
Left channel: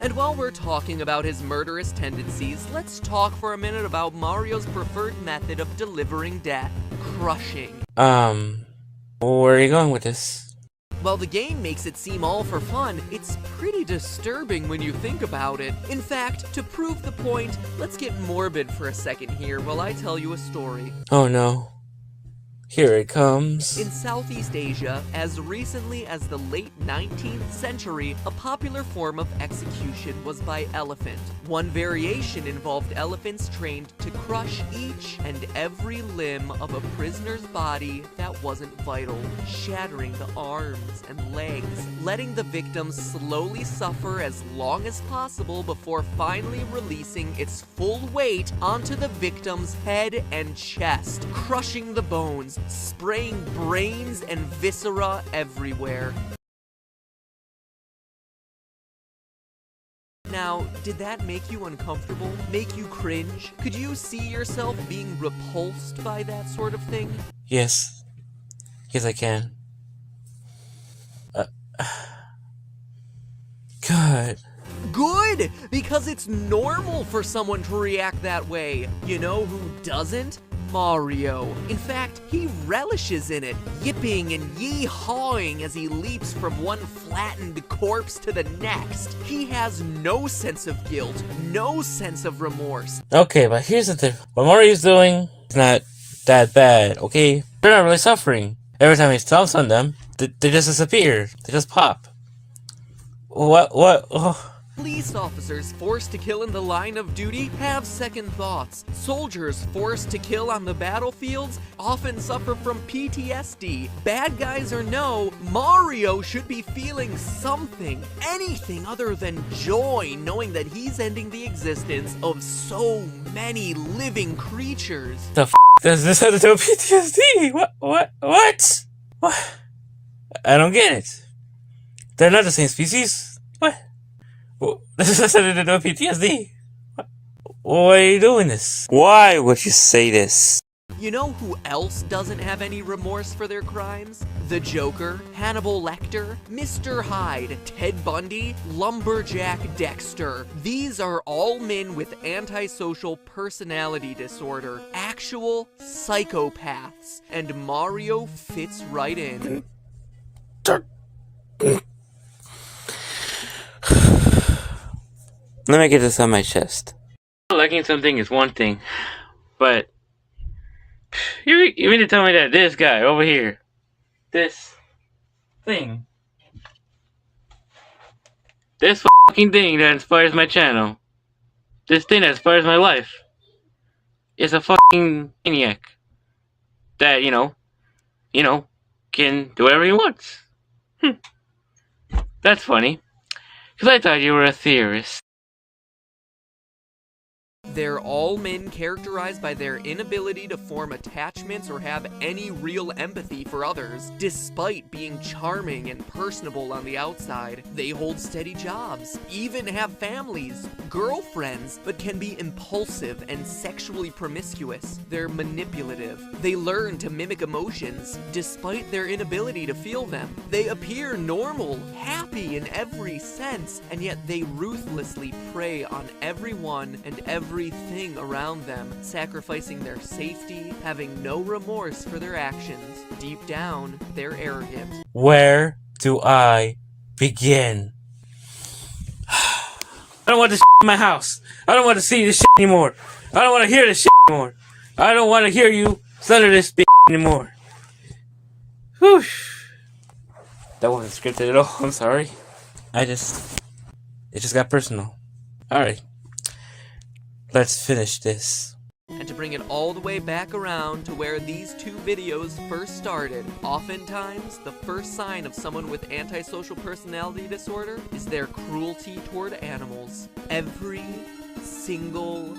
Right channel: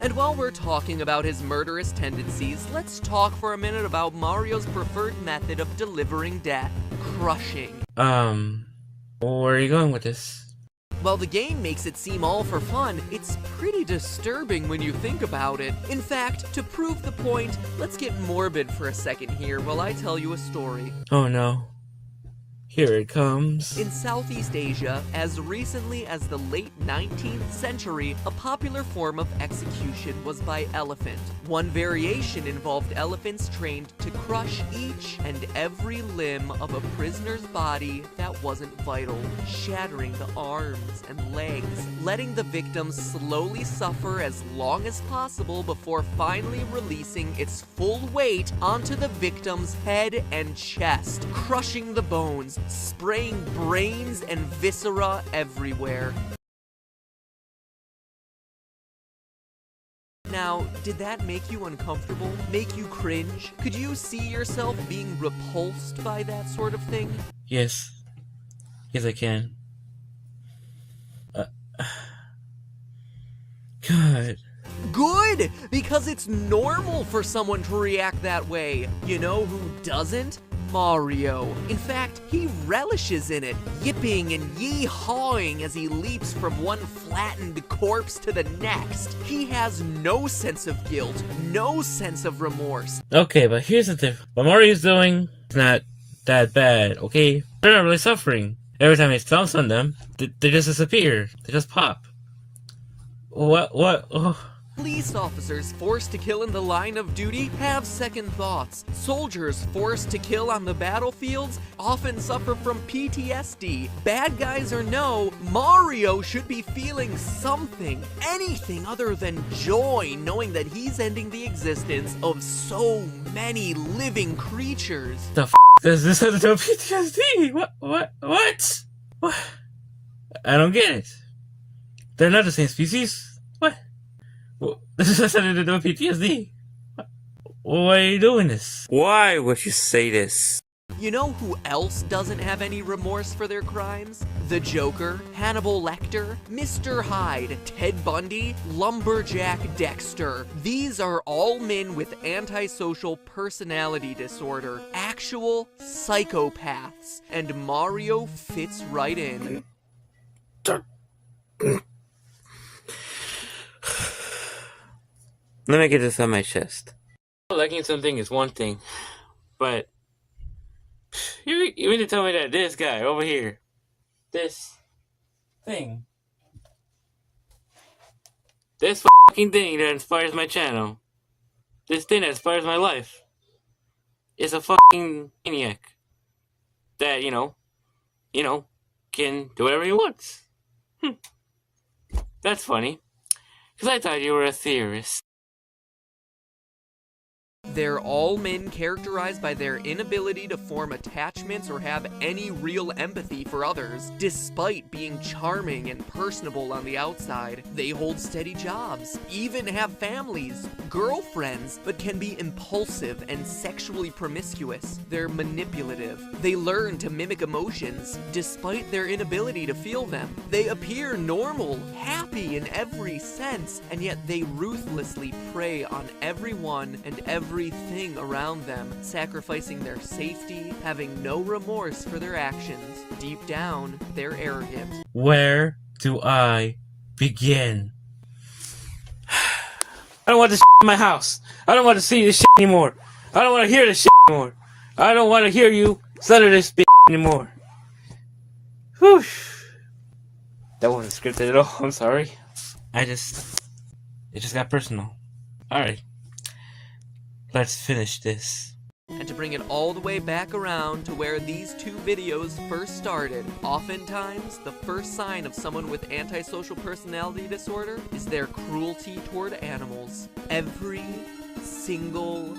And while we're talking about his murderous tendencies, let's talk for a minute about Mario's preferred method of delivering death. Crushing. Where are you going with this? While the game makes it seem all for fun, it's pretty disturbing when you think about it. In fact, to prove the point, let's get morbid for a second here while I tell you a story. Oh no. Here it comes. In Southeast Asia, as recently as the late 19th century, a popular form of execution was by elephant. One variation involved elephants trained to crush each and every limb of a prisoner's body that wasn't vital, shattering the arms and legs, letting the victim slowly suffer as long as possible before finally releasing its full weight onto the victim's head and chest, crushing the bones, spraying brains and viscera everywhere. Now, did that make you uncomfortable? Make you cringe? Could you see yourself being repulsed by that sort of thing? Yes. Yes, I can. God. Good! Because it's normal for someone to react that way. You know who doesn't? Mario. In fact, he relishes in it, yipping and yee-hawing as he leaps from one flattened corpse to the next. He has no sense of guilt, no sense of remorse. Okay, but here's the thing. What Mario's doing is not that bad, okay? They're not really suffering. Every time he stomps on them, they just disappear. They just pop. What? Oh. Police officers forced to kill in the line of duty have second thoughts. Soldiers forced to kill on the battlefields often suffer from PTSD. Bad guys or no, Mario should be feeling something, anything other than joy, knowing that he's ending the existence of so many living creatures. The f*** does this have to do with PTSD? What? I don't get it. They're not the same species. What? This has nothing to do with PTSD. Why are you doing this? Why would you say this? You know who else doesn't have any remorse for their crimes? The Joker, Hannibal Lecter, Mr. Hyde, Ted Bundy, Lumberjack Dexter. These are all men with antisocial personality disorder, actual psychopaths, and Mario fits right in. Let me get this on my chest. Liking something is one thing, but you mean to tell me that this guy over here this thing. This fucking thing that inspires my channel. This thing that inspires my life. Is a fucking maniac. That, you know, can do whatever he wants. That's funny. Because I thought you were a theorist. They're all men characterized by their inability to form attachments or have any real empathy for others, despite being charming and personable on the outside. They hold steady jobs, even have families, girlfriends, but can be impulsive and sexually promiscuous. They're manipulative. They learn to mimic emotions, despite their inability to feel them. They appear normal, happy in every sense, and yet they ruthlessly prey on everyone and everything around them, sacrificing their safety, having no remorse for their actions. Deep down, they're arrogant. Where do I begin? I don't want this in my house. I don't want to see this shit anymore. I don't want to hear this shit anymore. I don't want to hear you stutter this bitch anymore. Whew. That wasn't scripted at all. I'm sorry. It just got personal. Alright. Let's finish this. And to bring it all the way back around to where these two videos first started, oftentimes the first sign of someone with antisocial personality disorder is their cruelty toward animals. Every single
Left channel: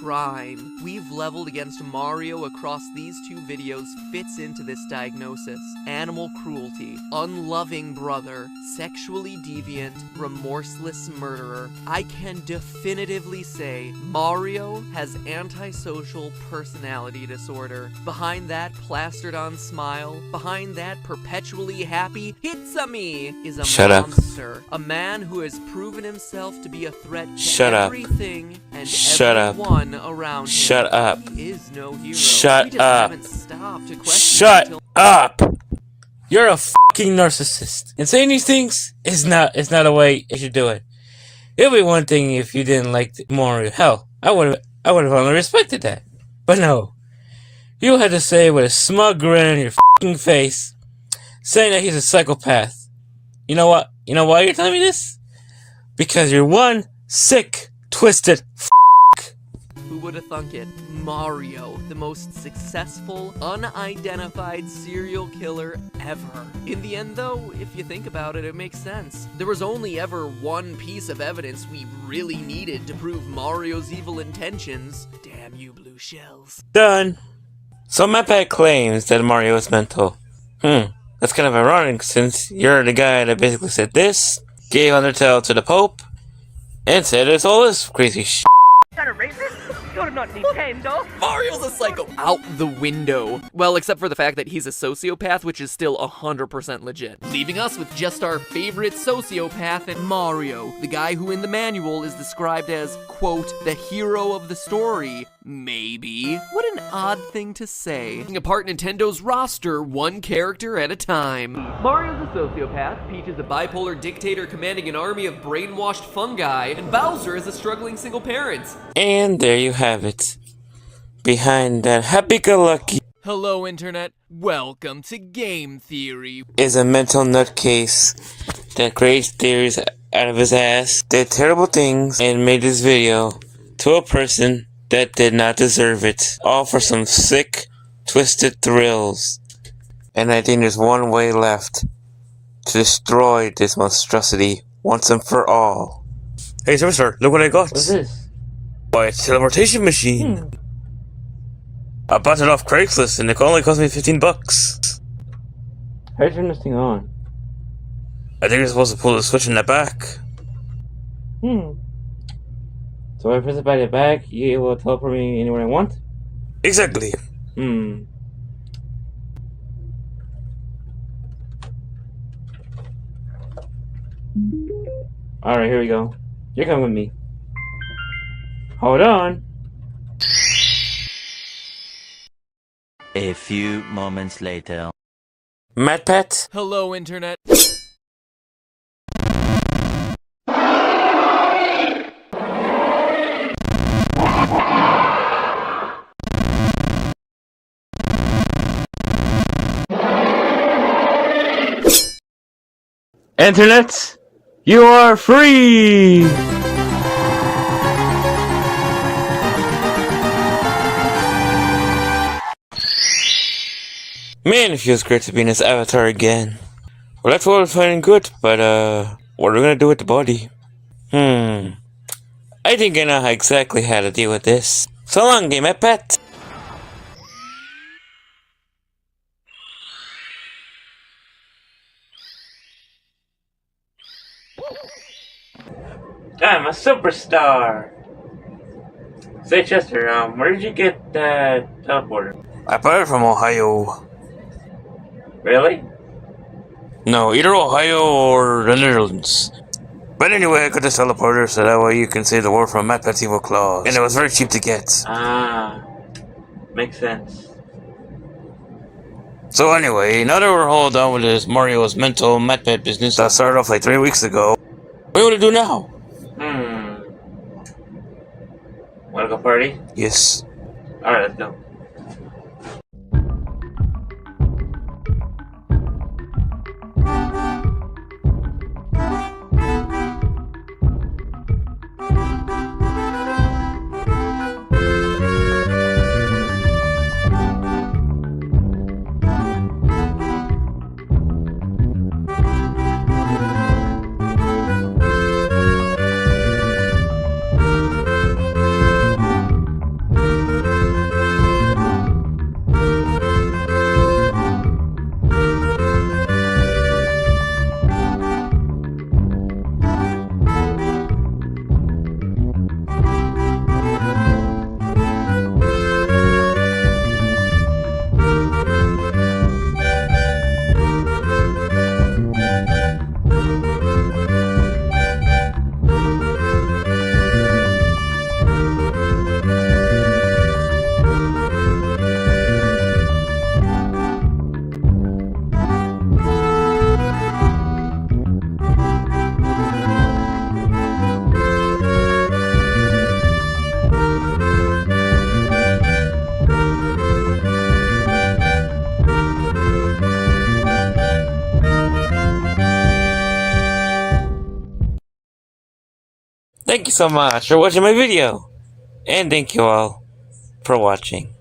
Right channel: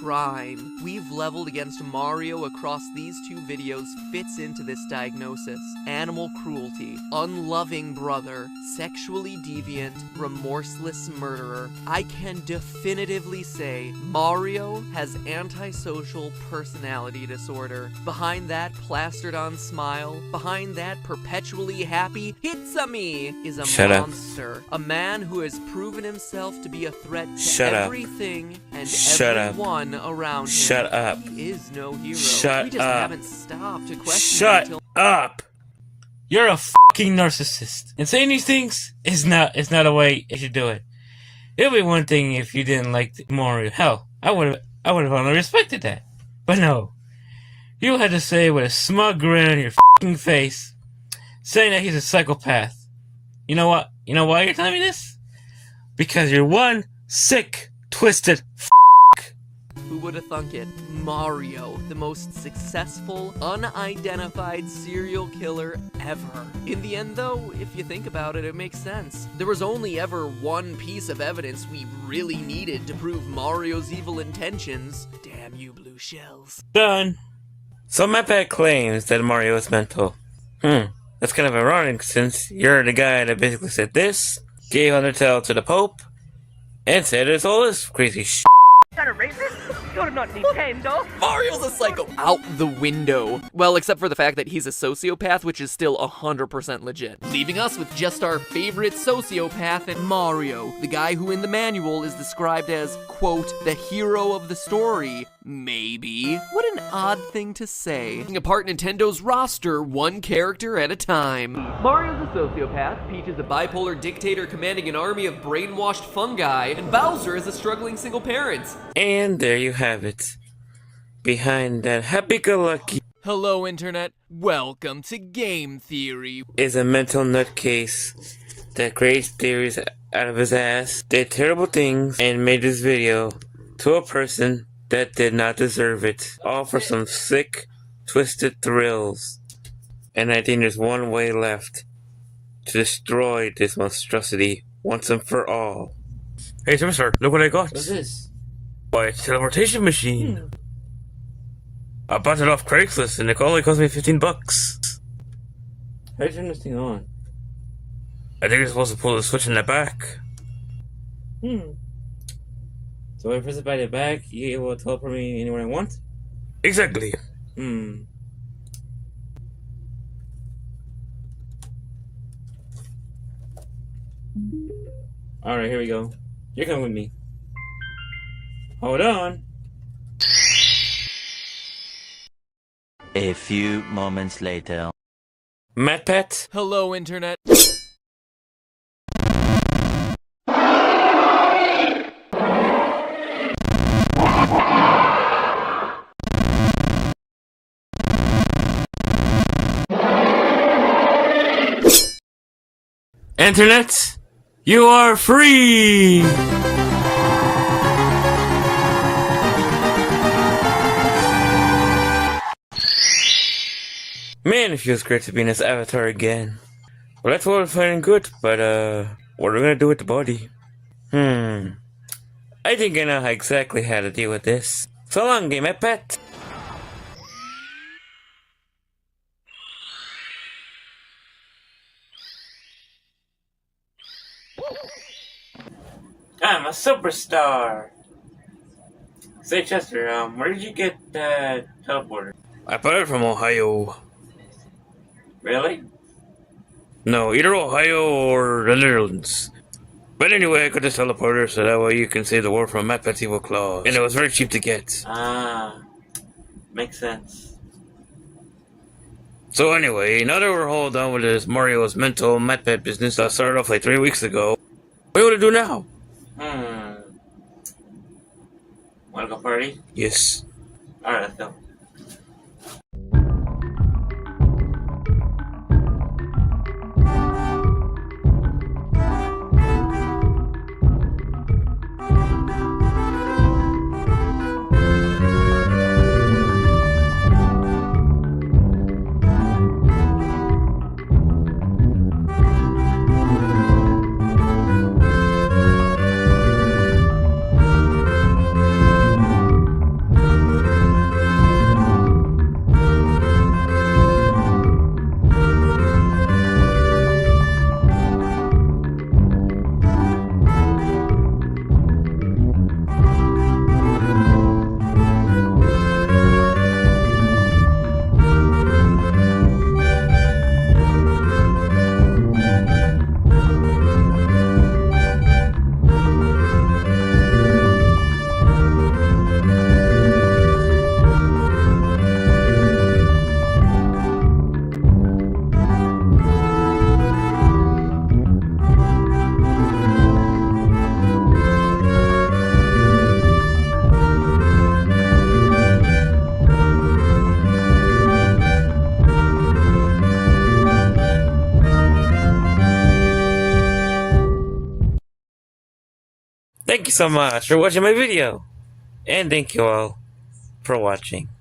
crime we've leveled against Mario across these two videos fits into this diagnosis. Animal cruelty, unloving brother, sexually deviant, remorseless murderer. I can definitively say Mario has antisocial personality disorder. Behind that plastered on smile, behind that perpetually happy Hitsame is a monster. A man who has proven himself to be a threat to everything and everyone around him. Shut up. He is no hero. Shut we just up. haven't stopped to question Shut until up! You're a fucking narcissist. And saying these things is not a way you should do it. It would be one thing if you didn't like Mario. Hell, I would have only respected that. But no. You had to say with a smug grin on your fucking face, saying that he's a psychopath. You know what? You know why you're telling me this? Because you're one sick, twisted who would have thunk it? Mario, the most successful, unidentified serial killer ever. In the end though, if you think about it, it makes sense. There was only ever one piece of evidence we really needed to prove Mario's evil intentions. Damn you, blue shells. Done. So Matpat claims that Mario is mental. That's kind of ironic since you're the guy that basically said this, gave Undertale to the Pope, and said it's all this crazy shit. Is that a racist? You're not Nintendo. Mario's a psycho. Out the window. Well, except for the fact that he's a sociopath, which is still 100% legit. Leaving us with just our favorite sociopath and Mario, the guy who in the manual is described as, quote, the hero of the story. Maybe. What an odd thing to say. Apart Nintendo's roster, one character at a time. Mario's a sociopath, Peach is a bipolar dictator commanding an army of brainwashed fungi, and Bowser is a struggling single parent. And there you have it. Behind that happy-go-lucky Hello, Internet. Welcome to Game Theory. is a mental nutcase that creates theories out of his ass, did terrible things, and made this video to a person that did not deserve it. All for some sick, twisted thrills. And I think there's one way left to destroy this monstrosity once and for all. Hey, Superstar, look what I got. What's this? Why, it's a teleportation machine. I bought it off Craigslist and it only cost me $15. How do you turn this thing on? I think you're supposed to pull the switch in the back. So if I press it by the back, it will teleport me anywhere I want? Exactly. Alright, here we go. You're coming with me. Hold on. A few moments later. Matpat? Hello, Internet. Internet, you are free! Man, it feels great to be in this avatar again. Well, that's all fine and good, but what are we gonna do with the body? I think I know exactly how to deal with this. So long, game Matpat. I'm a superstar! Say, Chester, where did you get that teleporter? I bought it from Ohio. Really? No, either Ohio or the Netherlands. But anyway, I got this teleporter so that way you can save the world from Matpat's evil claws. And it was very cheap to get. Ah, makes sense. So anyway, now that we're all done with this Mario's mental Matpat business that started off like 3 weeks ago, what do you want to do now? Wanna go party? Yes. Alright, let's go. Thank you so much for watching my video. And thank you all for watching.